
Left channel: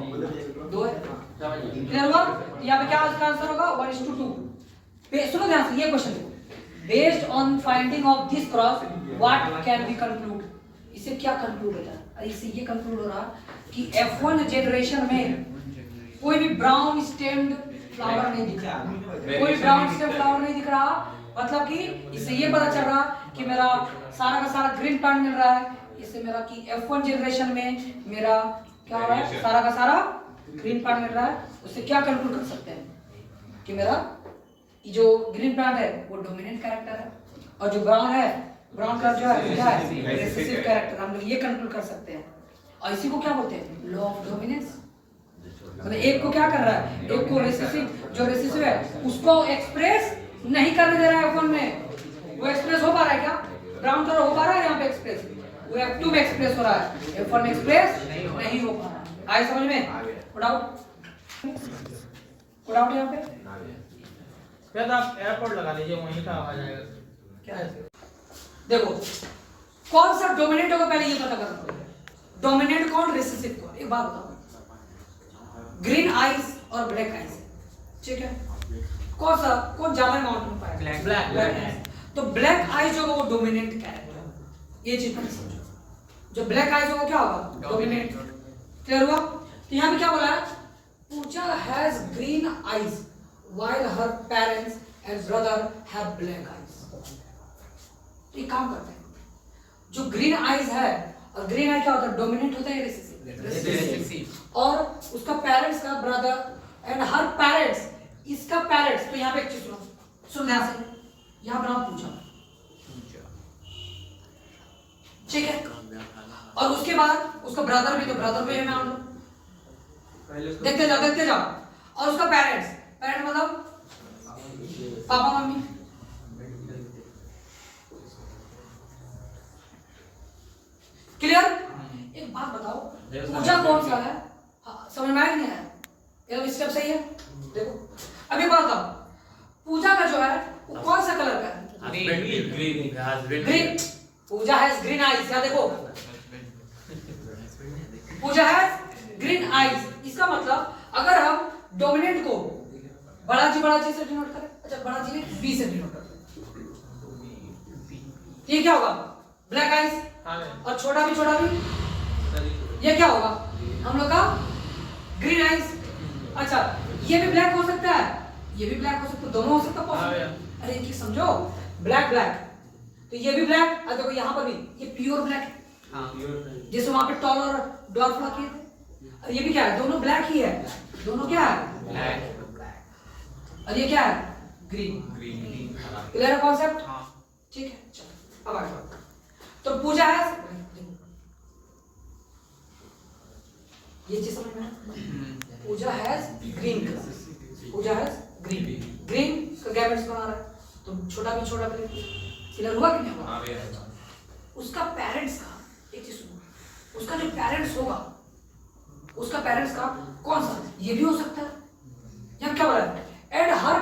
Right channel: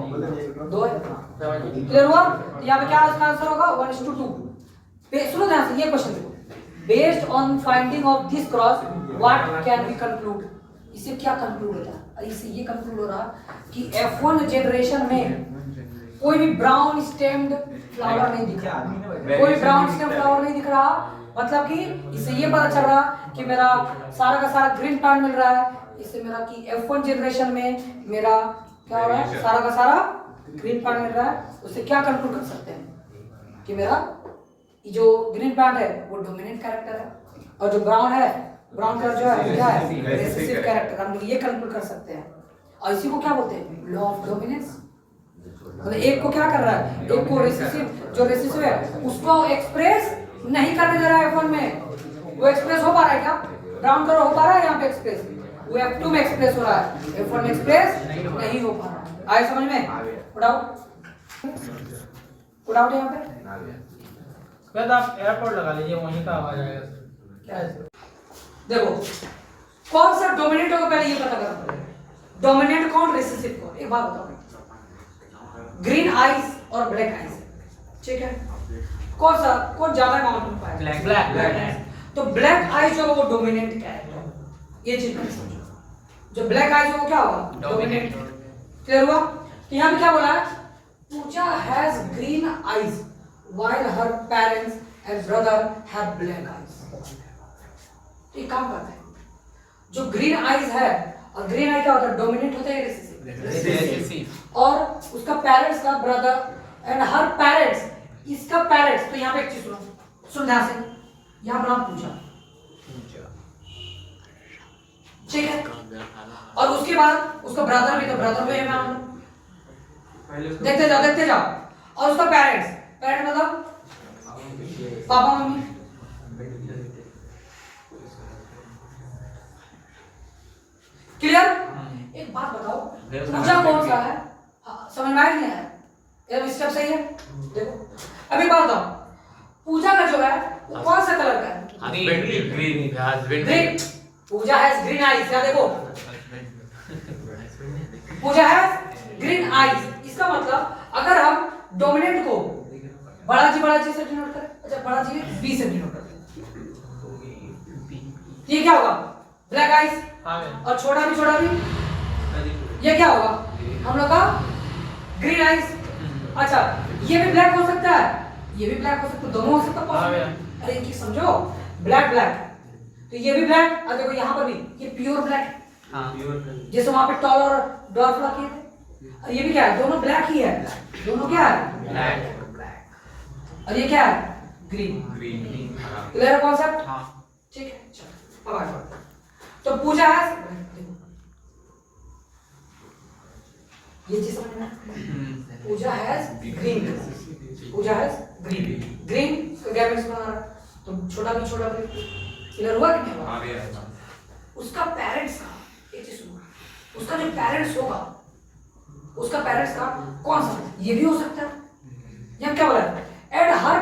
दो है। क्लियर हुआ? यहाँ पे क्या इसका आंसर होगा? 1:2। सुनो ध्यान से, ये क्वेश्चन देखो, based on finding of this cross what can we conclude? इससे क्या कंक्लूड होता है? इससे ये कंक्लूड हो रहा कि F1 जनरेशन में कोई भी ब्राउन स्टेम्ड फ्लावर नहीं दिख रहा, कोई ब्राउन स्टेम फ्लावर नहीं दिख रहा, मतलब कि इससे ये पता चल रहा कि मेरा सारा का सारा ग्रीन प्लांट मिल रहा है। इससे मेरा कि F1 जनरेशन में मेरा क्या हो रहा है? सारा का सारा ग्रीन प्लांट मिल रहा है। उससे क्या कंक्लूड कर सकते हैं कि मेरा जो ग्रीन प्लांट है वो डोमिनेंट कैरेक्टर है, और जो ब्राउन है, ब्राउन कलर जो है क्या है? Recessive character. हम लोग ये कंक्लूड कर सकते हैं, और इसी को क्या बोलते हैं? Law of dominance. मतलब एक को क्या कर रहा है? एक को रेसिसिव, जो रेसिसिव है उसको एक्सप्रेस नहीं करने दे रहा है F1 में। वो एक्सप्रेस हो पा रहा है क्या? ब्राउन कलर हो पा रहा है यहाँ पे एक्सप्रेस, वो F2 में एक्सप्रेस हो रहा है, F1 में एक्सप्रेस नहीं हो पा रहा है। आए समझ में? उड़ाओ उड़ाओ यहाँ पे फिर आप एयरपोर्ट लगा लीजिए, वहीं का आवाज आएगा। क्या है? देखो कौन सा डोमिनेंट होगा पहले ये पता करना पड़ेगा। डोमिनेंट कौन, रेसिसिव कौन? एक बात बताओ, ग्रीन आइज और ब्लैक आइज, ठीक है? कौन ज्यादा अमाउंट में पाएगा? ब्लैक तो ब्लैक आइज जो होगा वो डोमिनेंट कैरेक्टर, ये चीज मत समझो। जो ब्लैक आइज होगा क्या होगा? डोमिनेंट। क्लियर हुआ? तो यहाँ पे क्या बोला है? Pooja has green eyes while her parents and brother have black eyes। तो ये काम करता है, जो ग्रीन आइज है, और ग्रीन आई क्या होता है? डोमिनेंट होता है, रेसिसिव। और उसका पेरेंट्स का ब्रदर एंड हर पेरेंट्स, इसका पेरेंट्स। तो यहाँ पे एक चीज सुनो ध्यान से, यहाँ पर नाम पूजा, ठीक है? और उसके बाद उसका ब्रदर भी, तो ब्रदर में नाम देखते जाओ, और उसका पेरेंट्स मतलब पापा मम्मी। क्लियर? एक बात बताओ, पूजा कौन सा है? समझ में आया नहीं आया? ये स्टेप सही है? देखो अब एक बात बताओ, पूजा का जो है वो कौन सा कलर का है? Green. Puja has green eyes. क्या देखो, पूजा हैज ग्रीन आईज। इसका मतलब अगर हम डोमिनेंट को बड़ा जी से डिनोट करें, अच्छा बड़ा जी बी से डिनोट करें, ये क्या होगा? Black eyes. और छोटा भी ये क्या होगा? हम लोग का ग्रीन आइज। अच्छा ये भी ब्लैक हो सकता है, ये भी ब्लैक हो सकता है, दोनों हो सकता है। अरे एक चीज समझो, ब्लैक तो ये भी ब्लैक, और देखो यहाँ पर भी ये प्योर ब्लैक है, जैसे वहां पे टॉल और डॉर्फ रखे थे, और ये भी क्या है? दोनों ब्लैक ही है, दोनों क्या है? ब्लैक। और ये क्या है? ग्रीन। क्लियर है कॉन्सेप्ट? ठीक है, चलो अब आगे बढ़ते हैं। तो पूजा है, ये चीज समझ में? Pooja has green, Puja has green का गैमेट्स बना रहा है, तो छोटा भी क्लियर हुआ कि नहीं हुआ? उसका पेरेंट्स का, एक चीज सुनो, उसका जो पेरेंट्स होगा, उसका पेरेंट्स का कौन सा? ये भी हो सकता है। यहाँ क्या बोला है? And her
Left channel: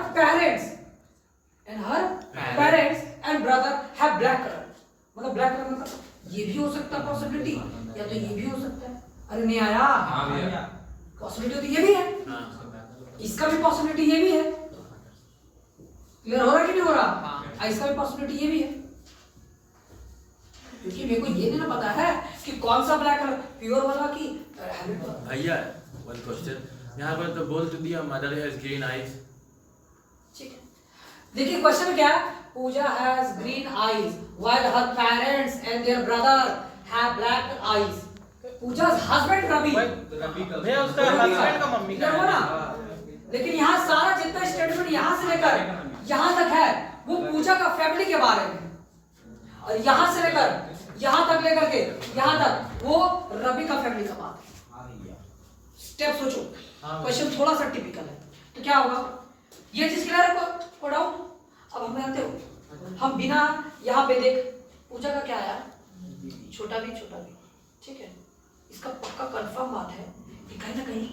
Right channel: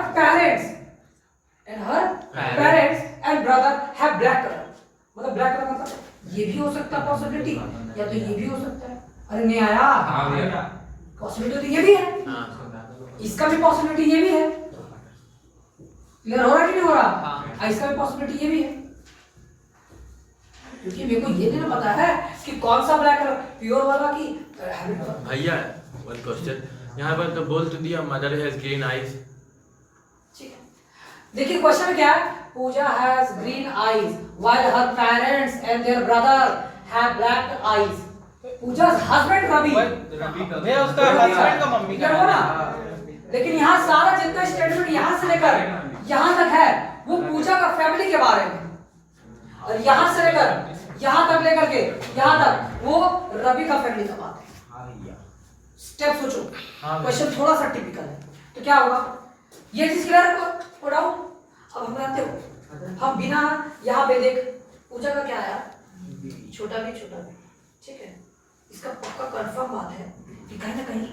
parents and brother have black color। मतलब ब्लैक कलर मतलब ये भी हो सकता है पॉसिबिलिटी, या तो ये भी हो सकता है। अरे नहीं आया? पॉसिबिलिटी तो ये भी है, इसका भी पॉसिबिलिटी ये भी है। क्लियर हो रहा है कि नहीं हो रहा? इसका भी पॉसिबिलिटी ये भी है, क्योंकि मेरे को ये नहीं पता है कि कौन सा ब्लैक कलर, प्योर वाला की हैबिट वाला। भैया वन क्वेश्चन, यहाँ पर तो बोल तो दिया मदर हैज ग्रीन आईज। ठीक है, देखिए क्वेश्चन क्या है? Pooja has green eyes while her parents and their brother have black eyes. Pooja's husband Ravi, भैया उसका हस्बैंड का मम्मी का है ना? लेकिन यहाँ सारा जितना स्टेटमेंट यहाँ से लेकर यहाँ तक है वो पूजा का फैमिली के बारे में। और यहाँ से लेकर यहाँ तक लेकर के यहाँ तक वो रवि का फैमिली का बात है। स्टेप सोचो, क्वेश्चन थोड़ा सा टिपिकल है तो क्या होगा, ये चीज क्लियर है को डाउट। अब हम जानते हो, हम बिना यहाँ पे देख पूजा का क्या आया, छोटा भी, ठीक है। इसका पक्का कंफर्म बात है कि कहीं ना कहीं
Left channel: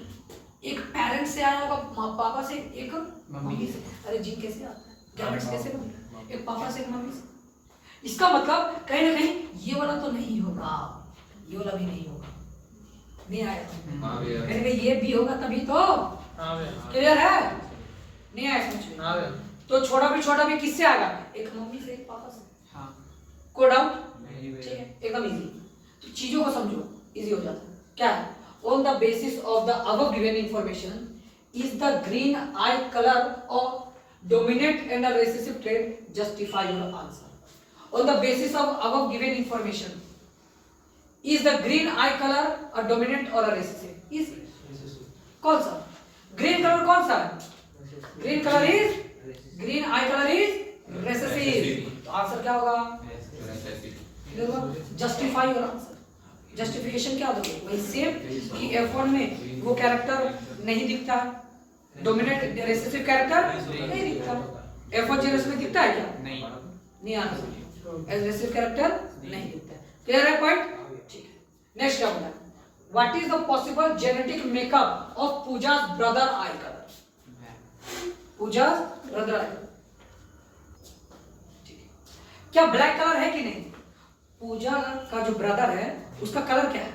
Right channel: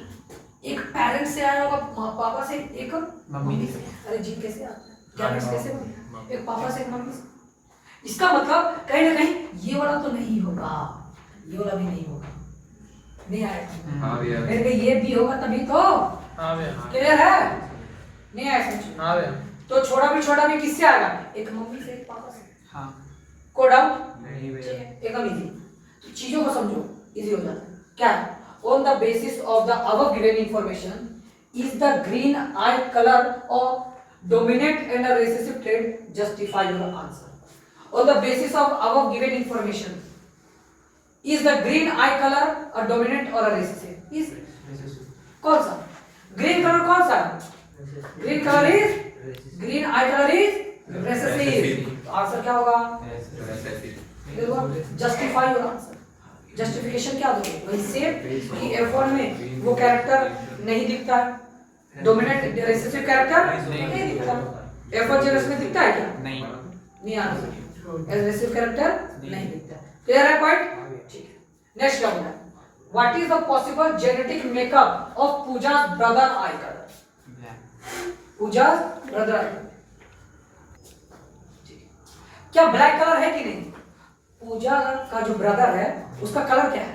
एक पेरेंट से आया होगा, पापा से, एक मम्मी से। अरे जीन कैसे आता है, गैमेट्स कैसे बने, एक पापा से एक मम्मी से। इसका मतलब कहीं ना कहीं ये वाला तो नहीं होगा, ये वाला भी नहीं होगा, नहीं आएगा। फिर ये भी होगा तभी तो क्लियर है, नहीं आया समझ। तो छोटा भी किससे आएगा, एक मम्मी से, एक पापा से। कोई डाउट नहीं, एकदम इजी। तो चीजों को समझो, इजी हो जाता है। क्या है, on the basis of the above given information is the green eye color of dominant and a recessive trait, justify your answer. On the basis of above given information is the green eye color a dominant or a recessive? is कौन सा green color, कौन सा green color is, green eye color is recessive। तो answer क्या होगा, justify your answer. Justification क्या दोगे, वही सेम कि F1 में वो कैरेक्टर नहीं दिखता है, डोमिनेंट रेसेसिव कैरेक्टर नहीं दिखता। F1 जेरस में दिखता है क्या, नहीं आंसर, रेसेसिव कैरेक्टर नहीं दिखता। क्लियर है पॉइंट, ठीक है। नेक्स्ट क्या होता है, what is the possible genetic makeup of Pooja's brother eye colour, Pooja's brother eye colour, क्या ब्लैक कलर है कि नहीं। पूजा का जो ब्रदर है उसका कलर क्या है,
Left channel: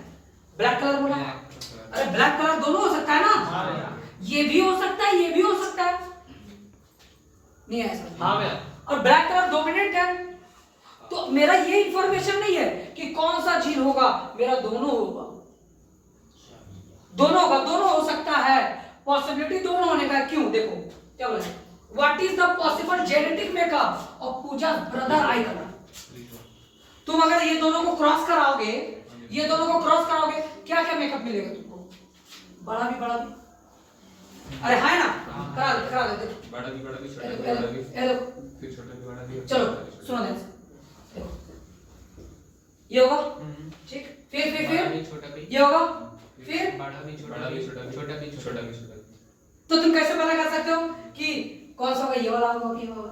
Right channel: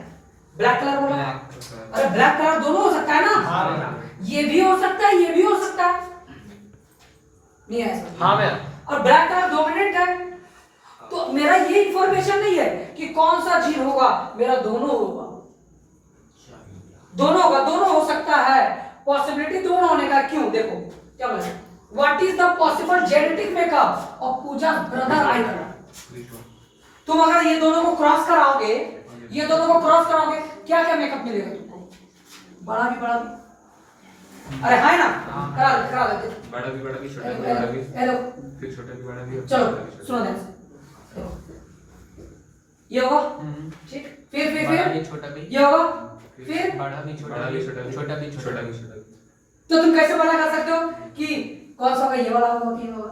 ब्लैक कलर बोला। अरे ब्लैक कलर दोनों हो सकता है ना, ये भी हो सकता है, ये भी हो सकता है, नहीं है ऐसा। और ब्लैक कलर डोमिनेंट है, तो मेरा ये इंफॉर्मेशन नहीं है कि कौन सा जीन होगा, मेरा दोनों होगा, दोनों हो सकता है, पॉसिबिलिटी दोनों होने का। क्यों, देखो क्या बोला, what is the possible genetic makeup of Puja brother eye colour. तुम अगर ये दोनों को क्रॉस कराओगे, ये दोनों को क्रॉस कराओगे, क्या क्या मेकअप मिलेगा तुमको, बड़ा भी, अरे है ना, करा देते, बड़ा भी छोटा भी, बड़ा भी, फिर छोटा भी, बड़ा भी। चलो सुनो ध्यान, ये होगा, ठीक, फिर छोटा भी, ये होगा, फिर बड़ा भी, छोटा भी, छोटा भी। तो तुम कैसे पता कर सकते हो कि कौन सा होगा, ये वाला होगा कि ये होगा।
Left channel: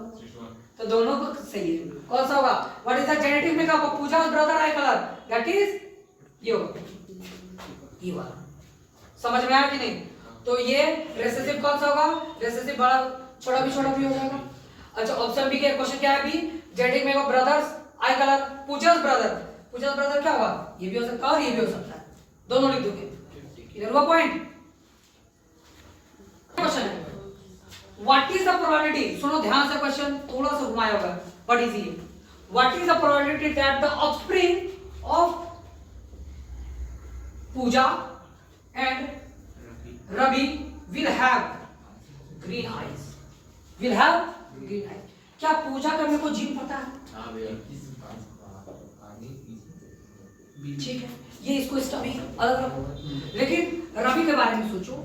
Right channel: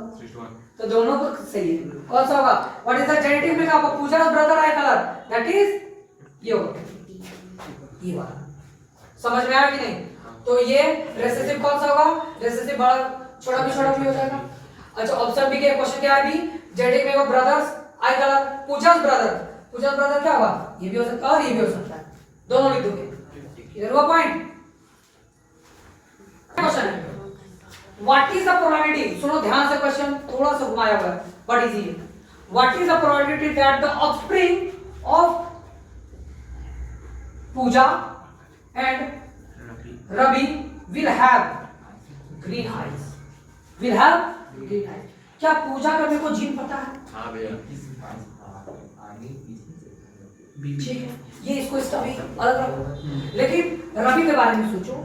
तो दोनों को सही है, कौन सा होगा, what is the genetic makeup of Pooja's brother eye colour, that is ये होगा, ये वाला। समझ में आया कि नहीं। तो ये रेसेसिव कौन सा होगा, रेसेसिव बड़ा छोटा भी हो जाएगा। अच्छा, ऑप्शन बी के क्वेश्चन क्या है, अभी genetic makeup brothers eye colour, Pooja's brother क्या होगा, ये भी हो सकता है और ये भी हो सकता है, दोनों लिख दोगे। क्लियर हुआ पॉइंट। क्वेश्चन है, व्हाट इज द प्रोबेबिलिटी, सुनो ध्यान से, क्वेश्चन थोड़ा सा घुमाया हुआ है बट इजी है। What is the probability that the offspring of Puja and Ravi will have green eyes, क्या पूजा का मेरे को जीन पता है, हाँ भैया, ठीक है, ये इसको इसका भी अलग रखो, लेकिन रवि के बारे में सोचो।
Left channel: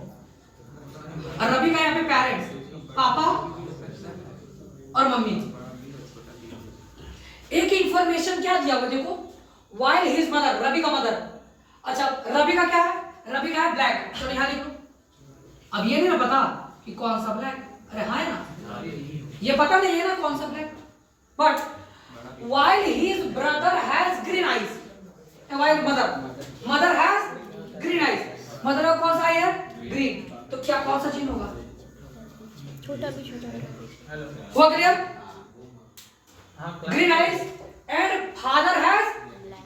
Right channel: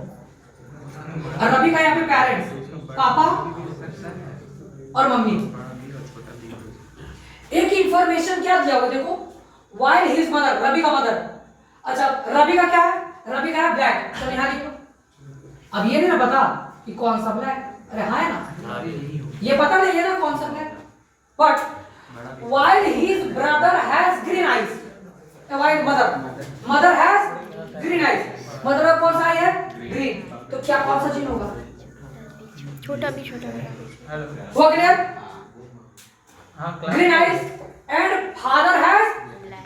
रवि का यहाँ पे पेरेंट्स, पापा और मम्मी, एक इंफॉर्मेशन क्या दिया हुआ देखो, while his mother, रवि का मदर। अच्छा, रवि का क्या है, रवि का है ब्लैक, चलो यहाँ लिखो। अब ये नहीं ना पता कि कौन सा ब्लैक, अरे हाँ है ना, ये पता नहीं है ना कौन सा black, but while his brother has green eyes, while mother has green eyes, mother का कौन सा है, ग्रीन, तो क्या कौन सा जीन होगा, छोटा भी हुआ clear. Green eyes and father has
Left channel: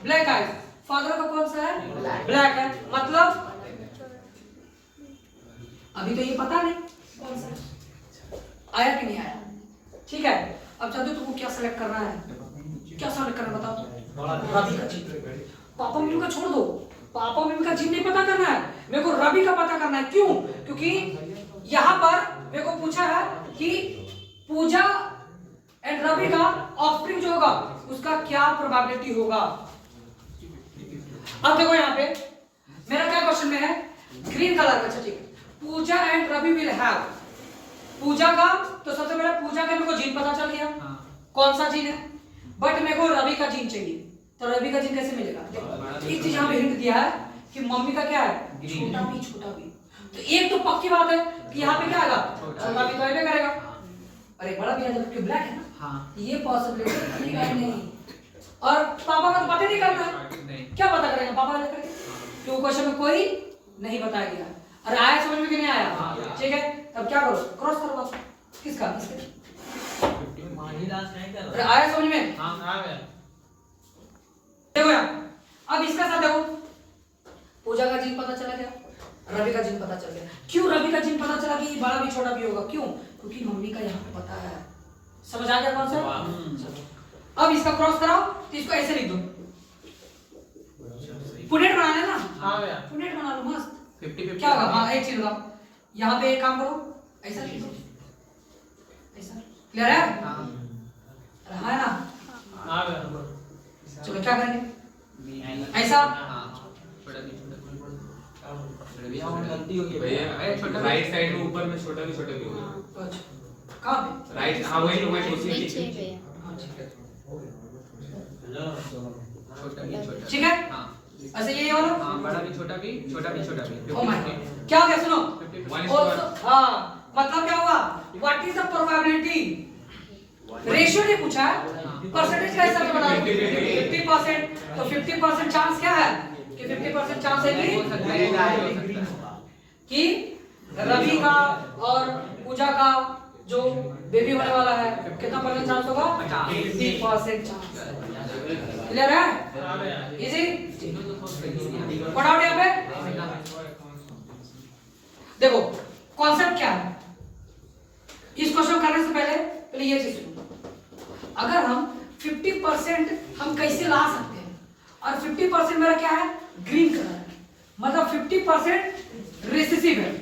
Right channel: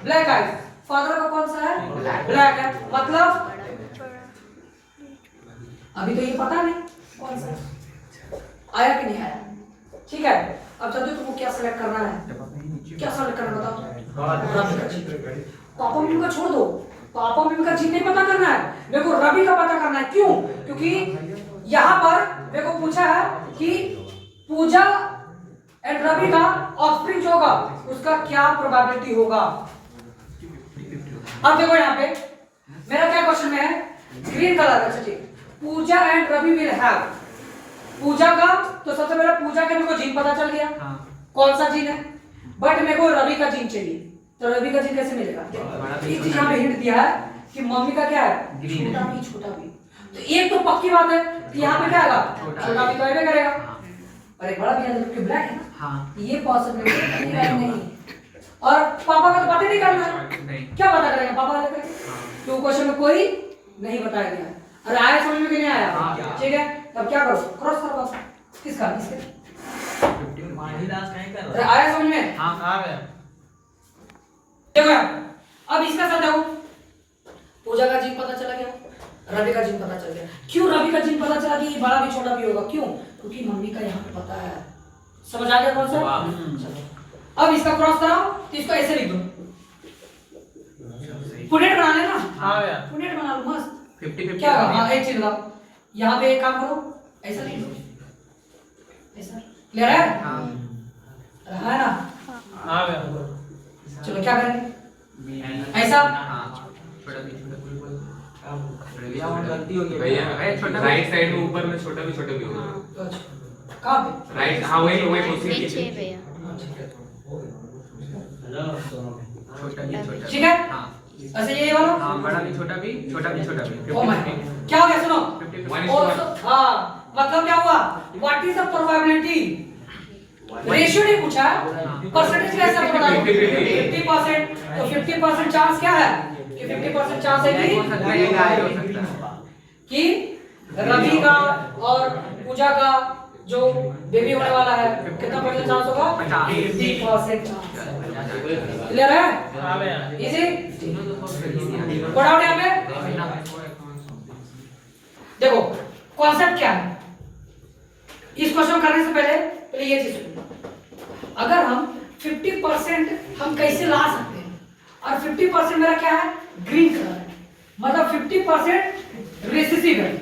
black eyes, father का कौन सा है, ब्लैक है, मतलब अभी तो ये पता नहीं कौन सा आया कि नहीं आया, ठीक है। अब चलते तुमको क्या सिलेक्ट करना है, क्या सिलेक्ट करना बताओ। पापा मम्मी का छोड़ दो, पापा मम्मी का जीन नहीं पता करना है, मेरे को रवि का पता करना है। क्यों, क्योंकि यहाँ पर मेरे को पूछा है कि पूजा एंड रवि का ऑफस्प्रिंग जो होगा उसका क्या प्रोबेबिलिटी होगा। अब देखो यहाँ पे मेरा क्या क्वेश्चन में है, ग्रीन कलर का, अच्छा ठीक, पूजा एंड रवि विल हैव, पूजा का तो सबसे पहले पूजा के मेरे को जीन पता चल गया, कौन सा जीन है, बट मेरे को रवि का जीन चाहिए, तो रवि का जीन कैसे मिलेगा? एक चीज यहाँ पे हिंट दिया है कि मम्मी का क्या है? ग्रीन। छोटा भी। तो एक तो पक्की बात है कि यहाँ पे क्या आएगा? छोटा भी तो आएगा करेगा। और एक बड़ा भी है जो कि ब्लैक है ना, हाँ ये पॉसिबिलिटी नहीं। और पापा का तो पता नहीं करना है, नहीं क्या पता करेगा पापा का करेगा? तो क्वेश्चन में कोई नहीं बताया गया। अरे आया समझ में कि नहीं आया? ठीक है, अब क्या करो? क्रॉस करो बस। किसका? किसके? अरे आया समझ में? हाँ हाँ भैया। देखो यार, अब इसका साथ देखो, पूजा का जीन पता चला क्या? रवि का जीन पता चल गया। क्यों रवि का जीन पता चला कि बड़ा भी छोटा भी होगा? क्यों? क्योंकि मम्मी का यहाँ पे पता है। समझ आ गया कौन सा? चलो अब इसका क्रॉस कराओ, तो इसको ऐसे लिख दो। पुनेट बनाना है ना? हाँ भैया। पुनेट बना लो मस्त। 50-50 क्या होगा? हाँ एक चीज बताओ, यहाँ पे एक काम करो, ऐसा लिख दो, ऐसा क्लियर है? हाँ रहा है ना? हाँ भैया। चलो क्या करेंगे? ऐसा? हाँ छोटा भी गलती हो गई भैया छोटा राइट साइड में ऊपर में छोटा भी होगा। तो अच्छा कहाँ पे? राइट, हाँ वही सोच रही नीचे थी। भैया। छोटा भी छोटा ठीक है? हाँ ऐसे यही वाला? हाँ बड़ा भी छोटा भी ओ माय गॉड, क्या हो गया सुनो? 50-50 और हाँ मतलब क्या हुआ? What is the probability? Ratio नहीं पूछा, परसेंटेज का हिसाब बता दो। 50%, तो 50% चांस क्या है? कि 50% चांस है हो सकता है या हो सकता है कि रवि का और पूजा का जो बेबी होने वाला है, कितना परसेंट चांस होगा? 50% चांस। क्लियर है? हाँ भैया। इजी? पढ़ा हो यहाँ पे? देखो कॉन्सेप्ट क्या है इस क्वेश्चन करने से पहले ये चीज सुनो। अगर हम 50% हम कैसे ला सकते हैं, और 50% मेरा क्या है? ग्रीन कलर है, मतलब 50% रेसेसिव है।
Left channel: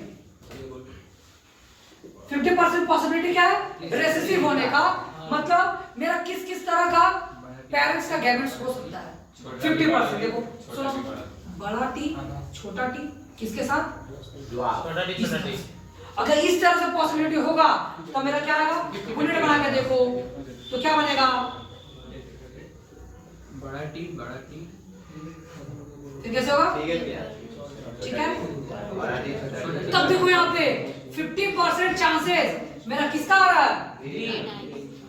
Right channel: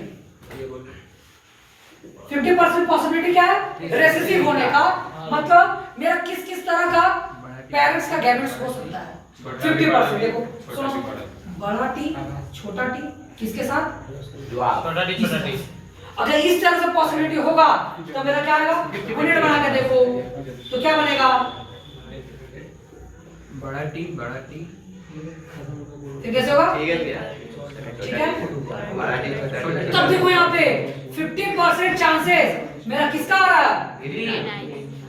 50% पॉसिबिलिटी क्या है? रेसेसिव होने का, मतलब मेरा किस किस तरह का पेरेंट्स का गैमेट्स हो सकता है। 50% देखो सुनो, बड़ा टी छोटा टी किसके साथ? छोटा टी छोटा टी। अगर इस तरह से पॉसिबिलिटी होगा तो मेरा क्या आएगा? यूनिट बना के देखो तो क्या बनेगा? बड़ा टी फिर कैसे होगा? ठीक है, तब देखो यहाँ पे 50% चांसेस मेरा किसका आ रहा है?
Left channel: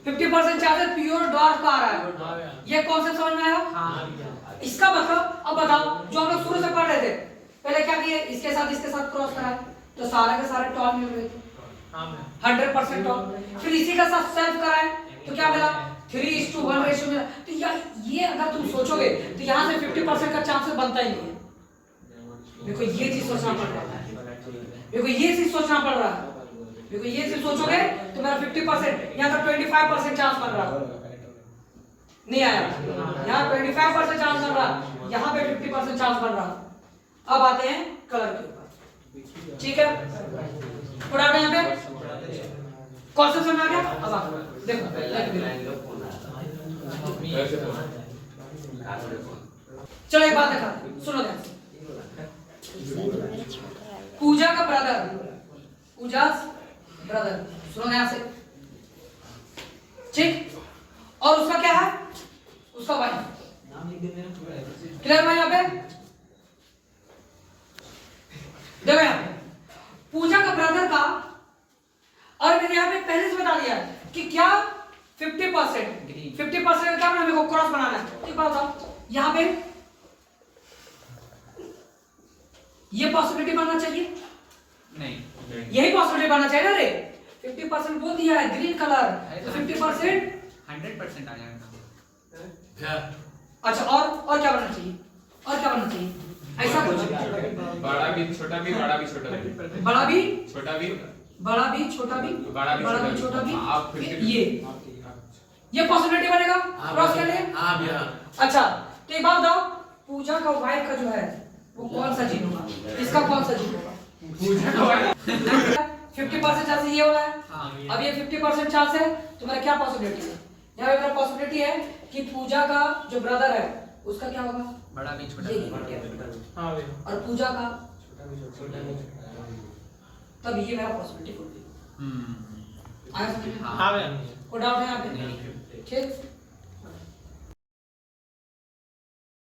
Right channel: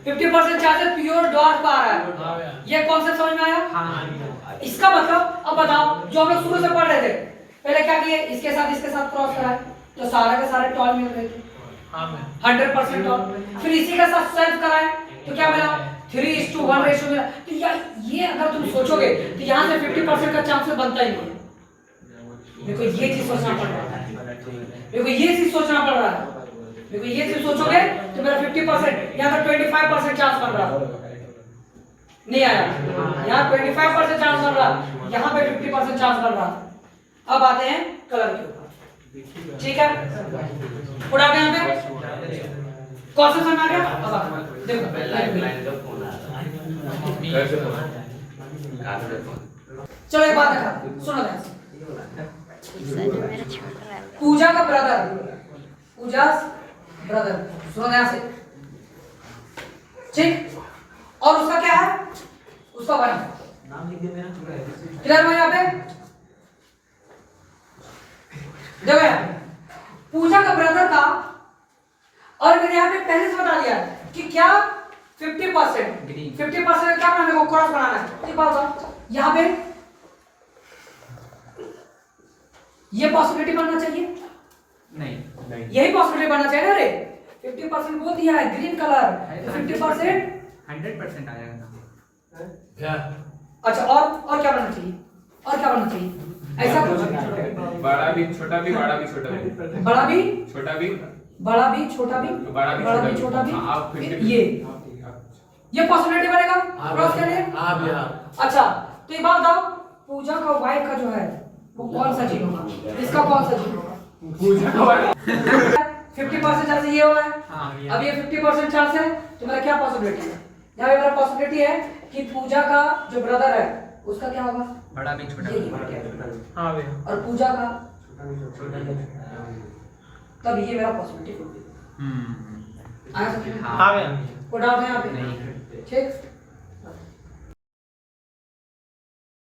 50% चांसेस प्योर डार्क का आ रहा है। हाँ भैया। ये कॉन्सेप्ट समझ में आया? हाँ इसका मतलब अब बताओ, जो हम लोग शुरू से पढ़ रहे थे, पहले क्या किए? इसके साथ क्रॉस कराए तो सारा के सारे टॉल मिल रहे थे। हाँ भैया। 100% टॉल। फिर इसी का साथ सेल्फ कराए तो क्या मिला? 3:1 रेशियो मिला। तो ये अगर तुम सोचोगे तो यहाँ से 50% का चांसेस बनता ही नहीं है। देखो ये चीज सोचना पड़ रहा है, देखो ये चीज सोचना पड़ रहा है। देखो ये चीज सोचोगे तो मेरा 50%, यहाँ का 25% चांस बन रहा है, नहीं आया। यहाँ 25% चांस बन रहा, यहाँ पे 50% चांस बन रहा। अब आते हैं कलर के ऊपर, ठीक है? थोड़ा आगे यहाँ पे कॉन्सेप्ट समझ आ गया? अब आप देखो चलो एक बात देखा, सुनो ध्यान से। मेरा छोटा है। पूजा का ब्रदर, पूजा ब्रदर, सुनो ध्यान से, ठीक? और उसका क्या है? उसका भाई। क्लियर भाई यहाँ पे? देखो यहाँ पूजा का ब्रदर का, और मैंने यहाँ पे पहले से बता दिया कि क्या 50% क्या हमें को क्रॉस बनाना है। एक बात बताओ, यहाँ पे ये पॉसिबिलिटी बनना चाहिए, नहीं यही पॉसिबिलिटी बनना चाहिए ना रे। 50% बोल दिया है ग्रीन कलर, 50% 100% आ जाएगा। क्या? अच्छा और क्या बनना चाहिए? और क्या बनना चाहिए? ऐसा बड़ा भी छोटा भी, बड़ा भी छोटा भी, बड़ा भी छोटा भी, बड़ा भी छोटा भी, बड़ा भी छोटा भी, हाँ, आप फिर ये पॉसिबिलिटी बनेगा हाँ क्रॉस के लिए। हाँ भैया। अच्छा तो एक बात बताओ, पूजा का वाइफ का जो है वो कौन सा जीन होगा? इसका कौन सा जीन होगा? पूजा का 50% चांस ये होगा। हाँ अब ये 50% चांस है तो मेरा क्या पॉसिबिलिटी है? यहाँ पे मेरा पॉसिबिलिटी है कि पूजा का जो ब्रदर है उसका क्या होगा? बड़ा भी छोटा ये भी। हाँ भैया। और पूजा का, तब ये मेरा पॉसिबिलिटी होगी। आया समझ में? हाँ भैया। कोई डाउट है यहाँ पे? नहीं। ठीक।